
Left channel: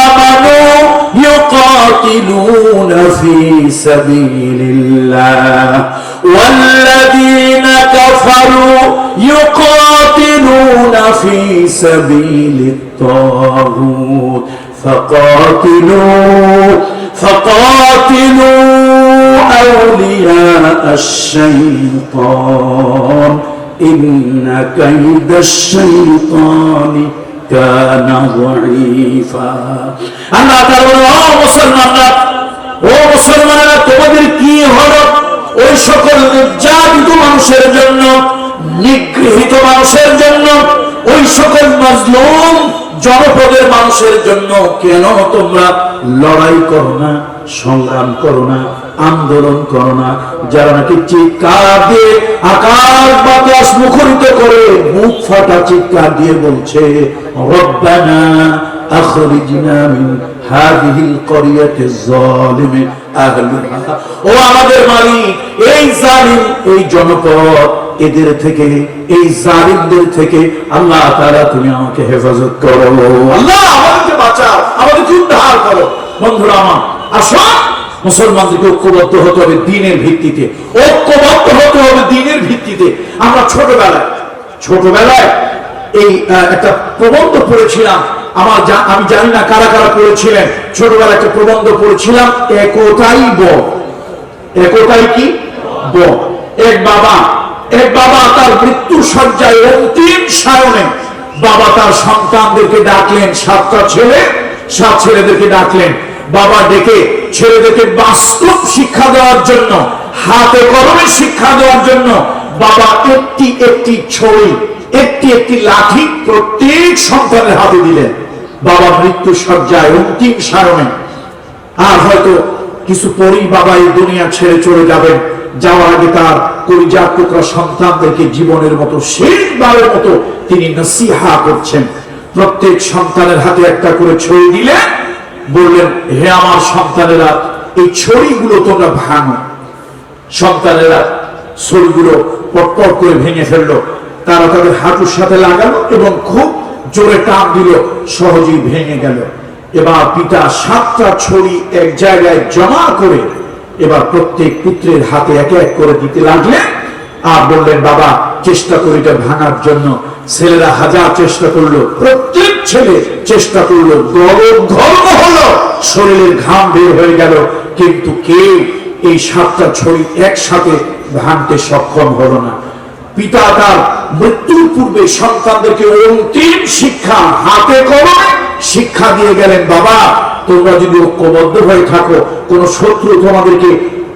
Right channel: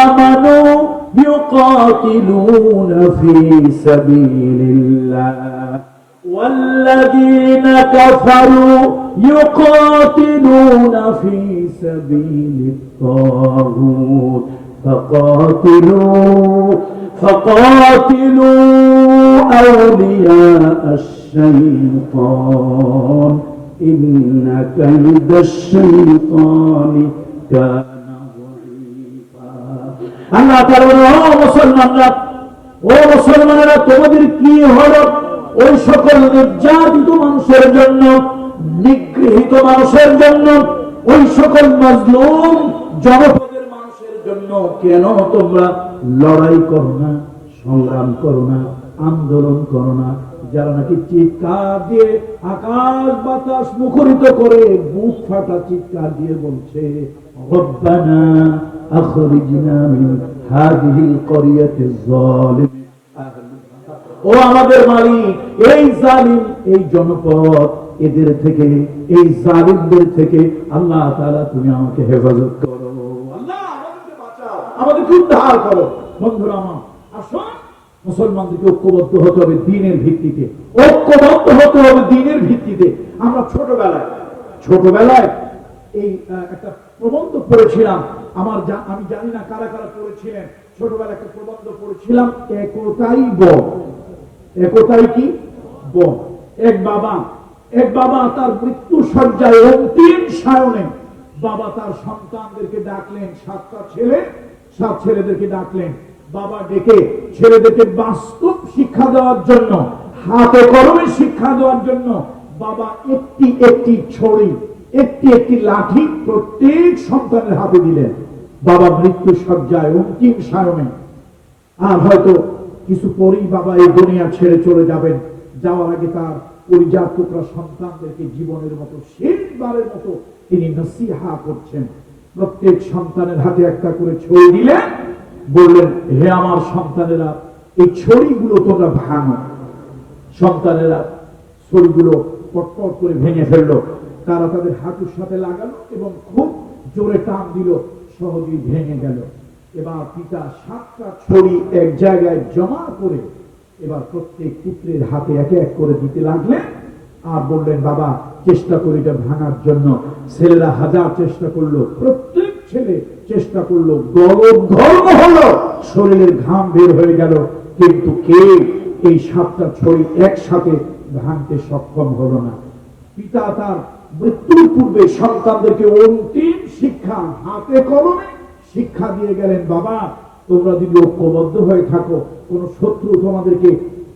آمنوا يقاتلون في سبيل الله والذين كفروا يقاتلون في سبيل الطاغوت فقاتلوا أولياء الشيطان إن كيد الشيطان كان ضعيفا আল্লাহ তাআলা ও মুসলমানরা তোমাদের কি হলো ওই সকল নির্যাতিত মানুষের জন্য নিগৃহীত মানুষের জন্য ওই সকল মাজলুম জনপদের মানুষের জন্য কেন তোমরা লড়াই করো না সংগ্রাম করো না আন্দোলন করো না যারা নাকি চিৎকার দিয়ে আকাশ বাতাস মুখরিত করে মুখ ফাটা চিৎকার দিয়ে বলছে রব্বানা আখরিজনা মিন হাযিহিল ক্বরিয়াতিজ যালিমি আহলুহা ও আমাদের মালিক এই জালিম এই জনপদ এদের থেকে এই জালিমদের থেকে আল্লাহ তাআলা তুমি আমাকে হেফাজত করো আল্লাহ আমাদেরকে বাঁচাও আমাদেরকে উদ্ধার করো বন্ধুরা আমার আসুন মুসলমানদেরকে ঐক্যবদ্ধ হতে হবে দ্বীনের ভিত্তিতে ঐক্যবদ্ধ হতে হবে দ্বীনের ভিত্তিতে আমরা ছোটবেলায় এই একটা প্রবন্ধ পড়েছিলাম আমি জানি না কারা কারা পড়েছিলেন ছোটবেলায় একটা প্রবন্ধ পড়েছিলাম একতাই বল একতাই কি বল এক বাবা তার মৃত্যু শয্যায় অন্তিম সায়নে বাবা তার সন্তানদেরকে ডাকলেন 7টা ছেলে 7 ছেলেদেরকে ডাকলেন বাবা ডেকে ছেলেদেরকে বাস্তব শিক্ষা দেওয়ার জন্য হাতে কলমে শিক্ষা দেওয়ার জন্য বাবা একটি ছড়ি একটি লাঠি প্রত্যেক সন্তানের হাতে দিলেন বাবা মৃত্যু শয্যায় অন্তিম সায়নে আর হয়তো কিছু পরেই বাবা এই দুনিয়া ছেড়ে চলে যাবেন যাওয়ার আগে তার কলিজার টুকরা সন্তানদেরকে জীবনের মতো শেষবারের মতো তিনি নসিহা করছেন প্রত্যেক সন্তানের হাতে একটা করে ছড়ি দিলেন বললেন হে আমার সন্তানেরা এই ছড়িগুলো তোমরা ভাঙো সন্তানেরা ছড়িগুলো পটপট করে ভেঙে ফেললো তারা তাদের হাঁটুর সাথে লাগালো এবং খুব জোরে টান দিল সহজেই ভেঙে গেল এবার পিতা 7টা ছড়ি এক জায়গায় জমা করে এবার প্রত্যেক পুত্রের হাতে এক এক করে দিতে লাগলেন আর বললেন বাবা চেষ্টা করে এটা ভাঙার জন্য ছেলেরা হাজার চেষ্টা করলো প্রত্যেক ছেলে চেষ্টা করলো গরম হলো শরীরের ঘাম বের হয়ে গেল কিন্তু কেউ এই 7টা ছড়ি একসাথে ভাঙতে সক্ষম হলো না পিতা তার মৃত্যুর পূর্বে সন্তানদেরকে অন্তিম শিক্ষা হাতে কলমে শিক্ষা দিয়ে গেলেন বাবা তোমরা যদি ঐক্যবদ্ধ হয়ে থাকো কোন শত্রু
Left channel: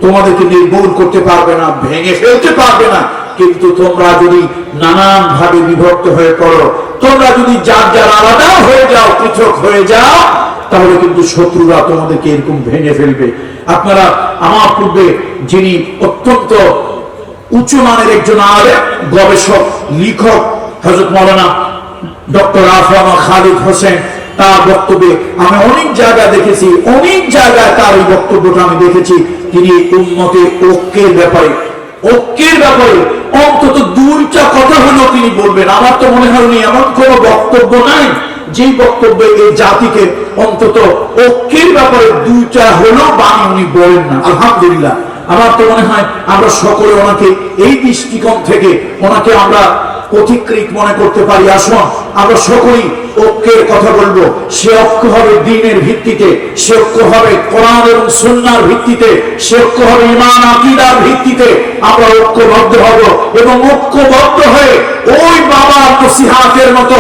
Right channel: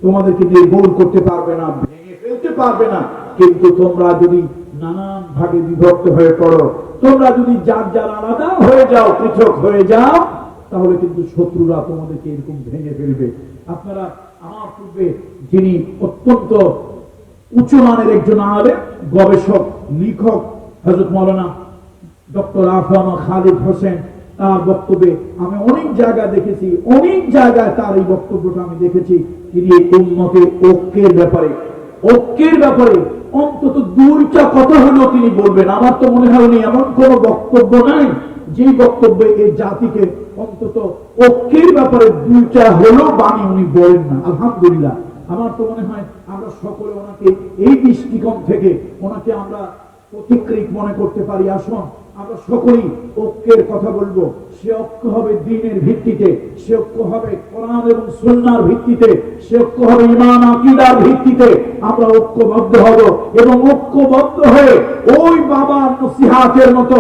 তোমাদেরকে নির্মূল করতে পারবে না ভেঙে ফেলতে পারবে না কিন্তু তোমরা যদি নানান ভাবে বিভক্ত হয়ে পড়ো তোমরা যদি যার আলাদা হয়ে যাও পৃথক হয়ে যাও তাহলে কিন্তু শত্রুরা তোমাদেরকে এরকম ভেঙে ফেলবে আপনারা আমার পূর্বে যিনি অত্যন্ত উচ্চ মানের একজন আলেম গবেষক লেখক হযরত মাওলানা ডক্টর আফরামা খালিদ হোসেন তার বক্তব্যে আমি অনেক জায়গা দেখেছি অনেক জায়গায় তার এই বক্তব্যটা আমি দেখেছি তিনি উম্মতের ঐক্যের ব্যাপারে অন্তত 2টা কথা হলো তিনি বলবেন আমার তো মনে হয় উনি এমন কোনো বক্তব্য নাই যে বক্তব্যে এই জাতিকে অন্তত ঐক্যের ব্যাপারে 2টা হলো বাণী উনি বলেন না আলহামদুলিল্লাহ আমার তো মনে হয় আমরা সকলে ওনাকে এই দৃষ্টিকোণ থেকে ওনাকে আমরা পথিকৃত মনে করতে পারি আসুন আমরা সকলেই ঐক্যের কথা বলবো সে ঐক্য হবে দ্বীনের ভিত্তিতে সে ঐক্য হবে কোরআন এবং সুন্নাহর ভিত্তিতে সে ঐক্য হবে ঈমান আকীদার ভিত্তিতে আমরা ঐক্যবদ্ধ হব এবং ঐক্যবদ্ধ হয়ে ওই বাবার নসিহতের মতো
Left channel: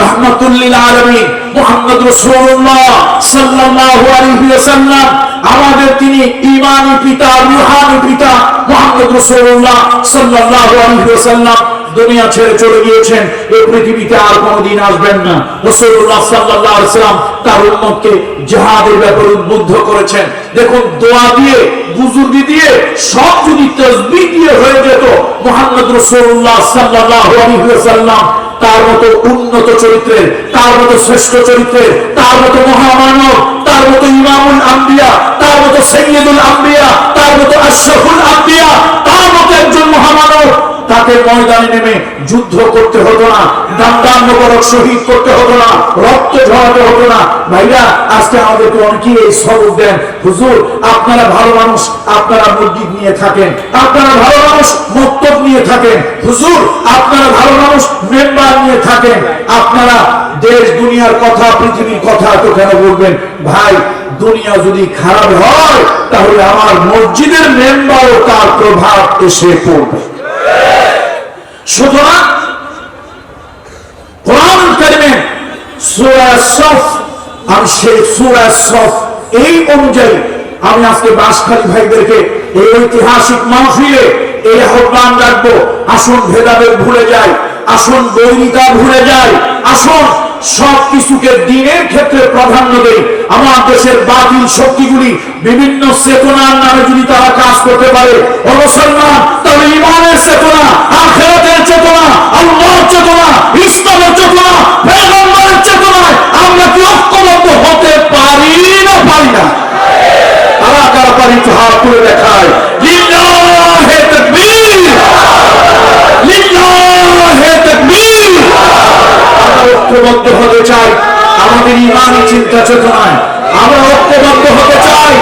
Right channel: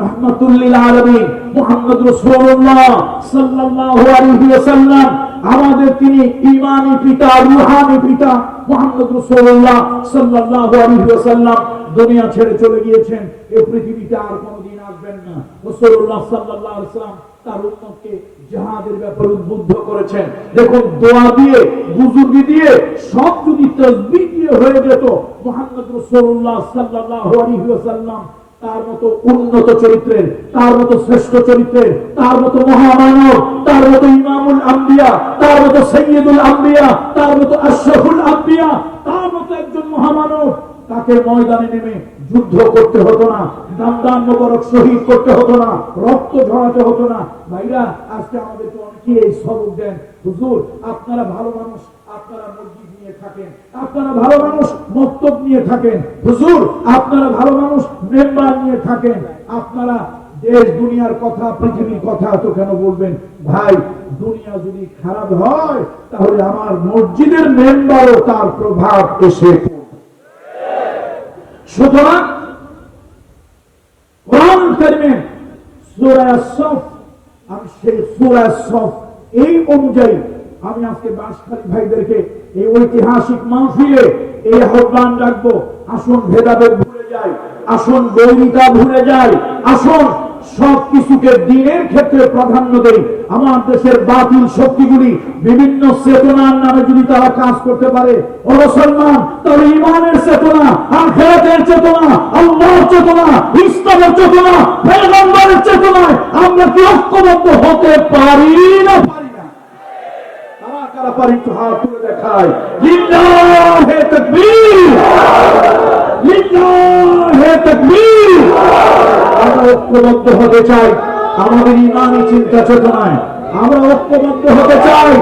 রাহমাতুল লিল আলামিন মুহাম্মদ রাসূলুল্লাহ সাল্লাল্লাহু আলাইহি ওয়াসাল্লাম আমাদের তিনি ঈমানী পিতা রূহানী পিতা মুহাম্মদ রাসূলুল্লাহ সাল্লাল্লাহু আলাইহি ওয়াসাল্লাম দুনিয়া ছেড়ে চলে গিয়েছেন, এই পৃথিবীতে আর কোনোদিন আসবেন না। রাসূলুল্লাহ সাল্লাল্লাহু আলাইহি ওয়াসাল্লাম তার উম্মতকে জিহাদের ব্যাপারে উদ্বুদ্ধ করেছেন। দেখুন, দোয়া দিয়ে, বুজুর্গি দিয়ে, সব যদি তাসবিহ দিয়ে হয়ে যেত, মুহাম্মদ রাসূলুল্লাহ সাল্লাল্লাহু আলাইহি ওয়াসাল্লাম তার মতো উন্নত চরিত্রের, তার মতো শ্রেষ্ঠ চরিত্রের, তার মতো মহামানব, তার মতো ইমামুল আম্বিয়া, তার মতো সাইয়্যিদুল আম্বিয়া, তার মতো আশরাফুল আম্বিয়া, তার মতো একজন মহামানব, তাকে ময়দানে নেমে যুদ্ধ করতে হতো না, দাম মোবারক শহীদ করতে হতো না, রক্ত ঝরাতে হতো না। ভাইরা, আজকে আমাদেরকে অনেকেই এই সবক দেন, হুজুর আপনারা ভালো মানুষ, আপনারা মসজিদ নিয়ে থাকেন, আপনারা ভালো মানুষ মক্তব নিয়ে থাকেন, হুজুর আপনারা ভালো মানুষ মেম্বার নিয়ে থাকেন, আপনারা দেশ দুনিয়ার কথা, পৃথিবীর কথা তো কেন বলবেন? ভাই, দুনিয়া যদি খারাপ হয় তাহলে আমার মসজিদের মেম্বারও তার প্রভাব এসে পড়বে। সুতরাং কোরআন কারীমে সূরা সফ, আর সেই সূরা সফ এই অনুযায়ী আমি আজকে বাসখালী ভাইদেরকে এই ঐতিহাসিক মাহফিলে এই আহ্বান রাখবো, আসুন ভেদাভেদ ভুলে যাই, আসুন বৈরিতা ভুলে যাই, আসুন সবকিছুকে দিনের ক্ষেত্রে প্রাধান্য দেই। আমার দেশের বাতিল শক্তিগুলি বিভিন্ন চেতনার নামে যদি তারা কাজ করতে পারে, ও মুসলমান, তাহলে ইমানের চেতনা, আখিরাতের চেতনা, আল্লাহর চেতনা, ইসলামের চেতনা, পয়গম্বরের চেতনায় আমরা কি ঐক্যবদ্ধ হতে পারি না পারি না? তারা কারা পারি তো হাত তুলে দেখায়। লিল্লাহে তাকবীর, লিল্লাহে তাকবীর। আমরা ঐক্যবদ্ধ হতে চাই আমাদের ইমানি চিন্তা চেতনায়, আমরা ঐক্যবদ্ধ হতে চাই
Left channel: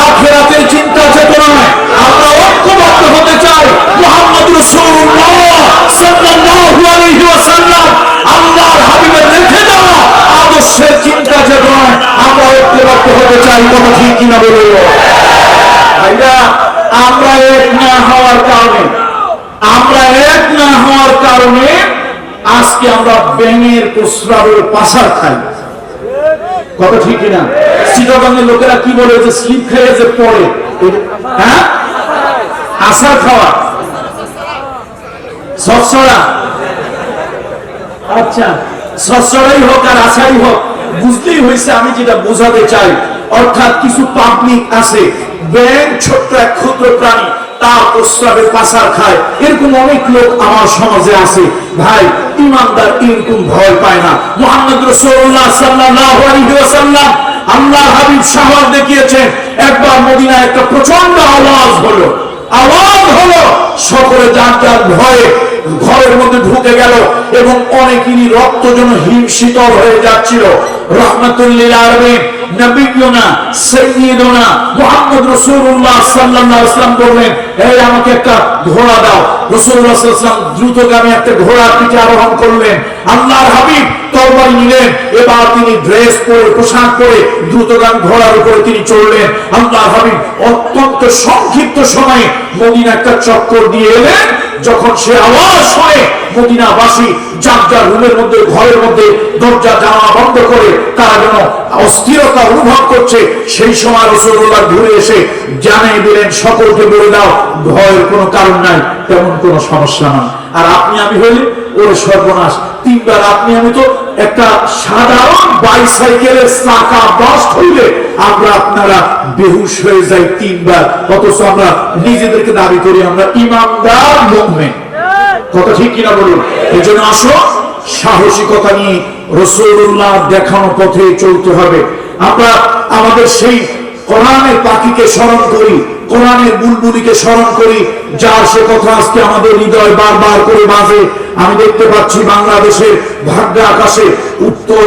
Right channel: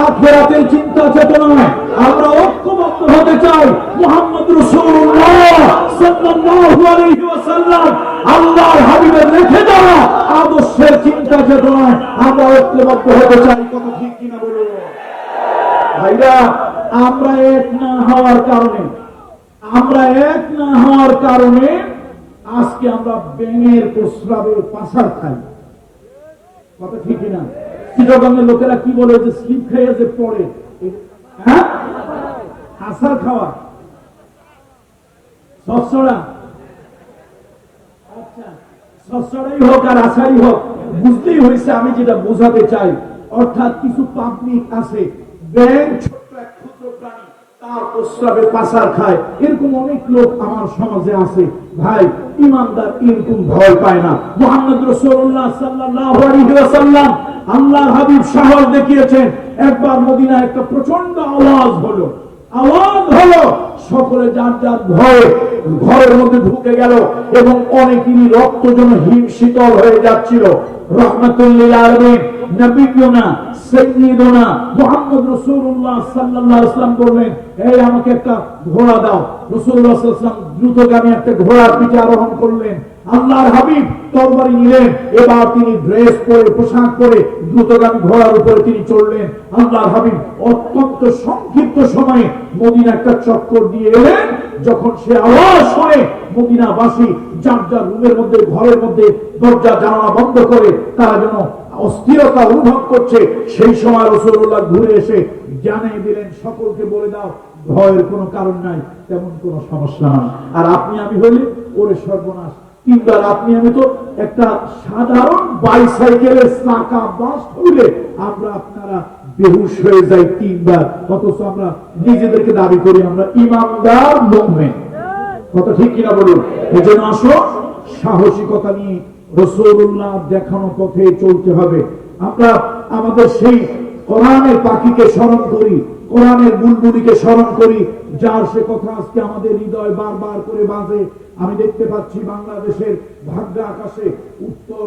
আখিরাতের চিন্তা চেতনায়, আমরা ঐক্যবদ্ধ হতে চাই মুহাম্মদ রাসূলুল্লাহ সাল্লাল্লাহু আলাইহি ওয়াসাল্লাম আল্লাহর হাবিবের রেখে যাওয়া আদর্শের চিন্তা চেতনায় আমরা ঐক্যবদ্ধ হতে চাই। কথা ঠিক কিনা বলুন ভাইরা? আমরা এক না হওয়ার কারণে আজকে আমরা ব্যাঙের প্রস্রাবের পাশার খাই। কথা ঠিক কিনা? চিটাগাঙ্গের লোকেরা কি বলে, যে স্লিপ খেয়ে যে পড়ে, হ্যাঁ, আশার খাওয়া, সচ্ছড়া। আচ্ছা, সচ্ছড়াই হোক আর আশাই হোক, বুঝতেই হয়েছে আমি যেটা বোঝাতে চাই। অর্থাৎ কিছু পাবলিক আছে, ব্যাঙ ছোট্ট এক ক্ষুদ্র প্রাণী, তার প্রস্রাবে পাশার খায়, এরকম অনেক লোক আমার সমাজে আছে। ভাই, ইমানদার এরকম ভয় পায় না। মুহাম্মদ রাসূলুল্লাহ সাল্লাল্লাহু আলাইহি ওয়াসাল্লাম আল্লাহর হাবিব সাহস দেখিয়েছেন। একবার মদিনায় একটা প্রচন্ড আওয়াজ হলো, সকলে যার যার ভয়ে ঘরের মধ্যে ঢুকে গেল এবং অনেকেরই রক্ত যেন হিমশীতল হয়ে যাচ্ছিল। রাহমাতুল লিল আলামিন নবিয়ুনা সাইয়্যিদুনা মুহাম্মদ রাসূলুল্লাহ সাল্লাল্লাহু আলাইহি ওয়াসাল্লাম বললেন, এই আমাকে একটা ঘোড়া দাও। রাসূলুল্লাহ সাল্লাল্লাহু আলাইহি ওয়াসাল্লাম দ্রুতগামী একটা ঘোড়ার পিঠে আরোহণ করলেন। আল্লাহর হাবিব তরবারি নিলেন, এবার তিনি ড্রেস পরে, পোশাক পরে দ্রুতগামী ঘোড়ার উপরে তিনি চড়লেন। আল্লাহর হাবিব অত্যন্ত সংক্ষিপ্ত সময়ে মদিনা একটা চক্কর দিয়ে এলেন। যখন সে আওয়াজ হয়, মদিনাবাসী যার যার রুমের মধ্যে, ঘরের মধ্যে দরজা জানালা বন্ধ করে তারা যেন অস্থিরতা অনুভব করছে। সেই সময় রাসূলুল্লাহ ঘুরে এসে জানিয়ে দিলেন, সকলকে বলে দাও ভয়ের কোনো কারণ নাই, তেমন কোনো সমস্যা নাই। আর আপনি আমি হইলে ওরে সর্বনাশ, তিনবার আপনি আমি তো একটা সাধারণ বাইসাইকেলের চাকা বাস্ট হইলে আমরা আপনারা বেহুশ হয়ে যাই তিনবার, অথচ আমরা নিজেদেরকে দাবি করি আমরা ইমানদার মুমিন। কথা ঠিক কিনা বলুন? এজন্য আসো, সাহসিকতা নিয়ে রাসূলুল্লাহ দেখানো পথে চলতে হবে। আমরা আমাদের সেই কোরআনের পাখিকে স্মরণ করি, কোরআনের বুলবুলিকে স্মরণ করি, যার সে কথা আজকে আমাদের হৃদয় বারবার করে বাজে। আমি দেখতে পাচ্ছি বাংলাদেশের ভাগ্য আকাশে উত্তর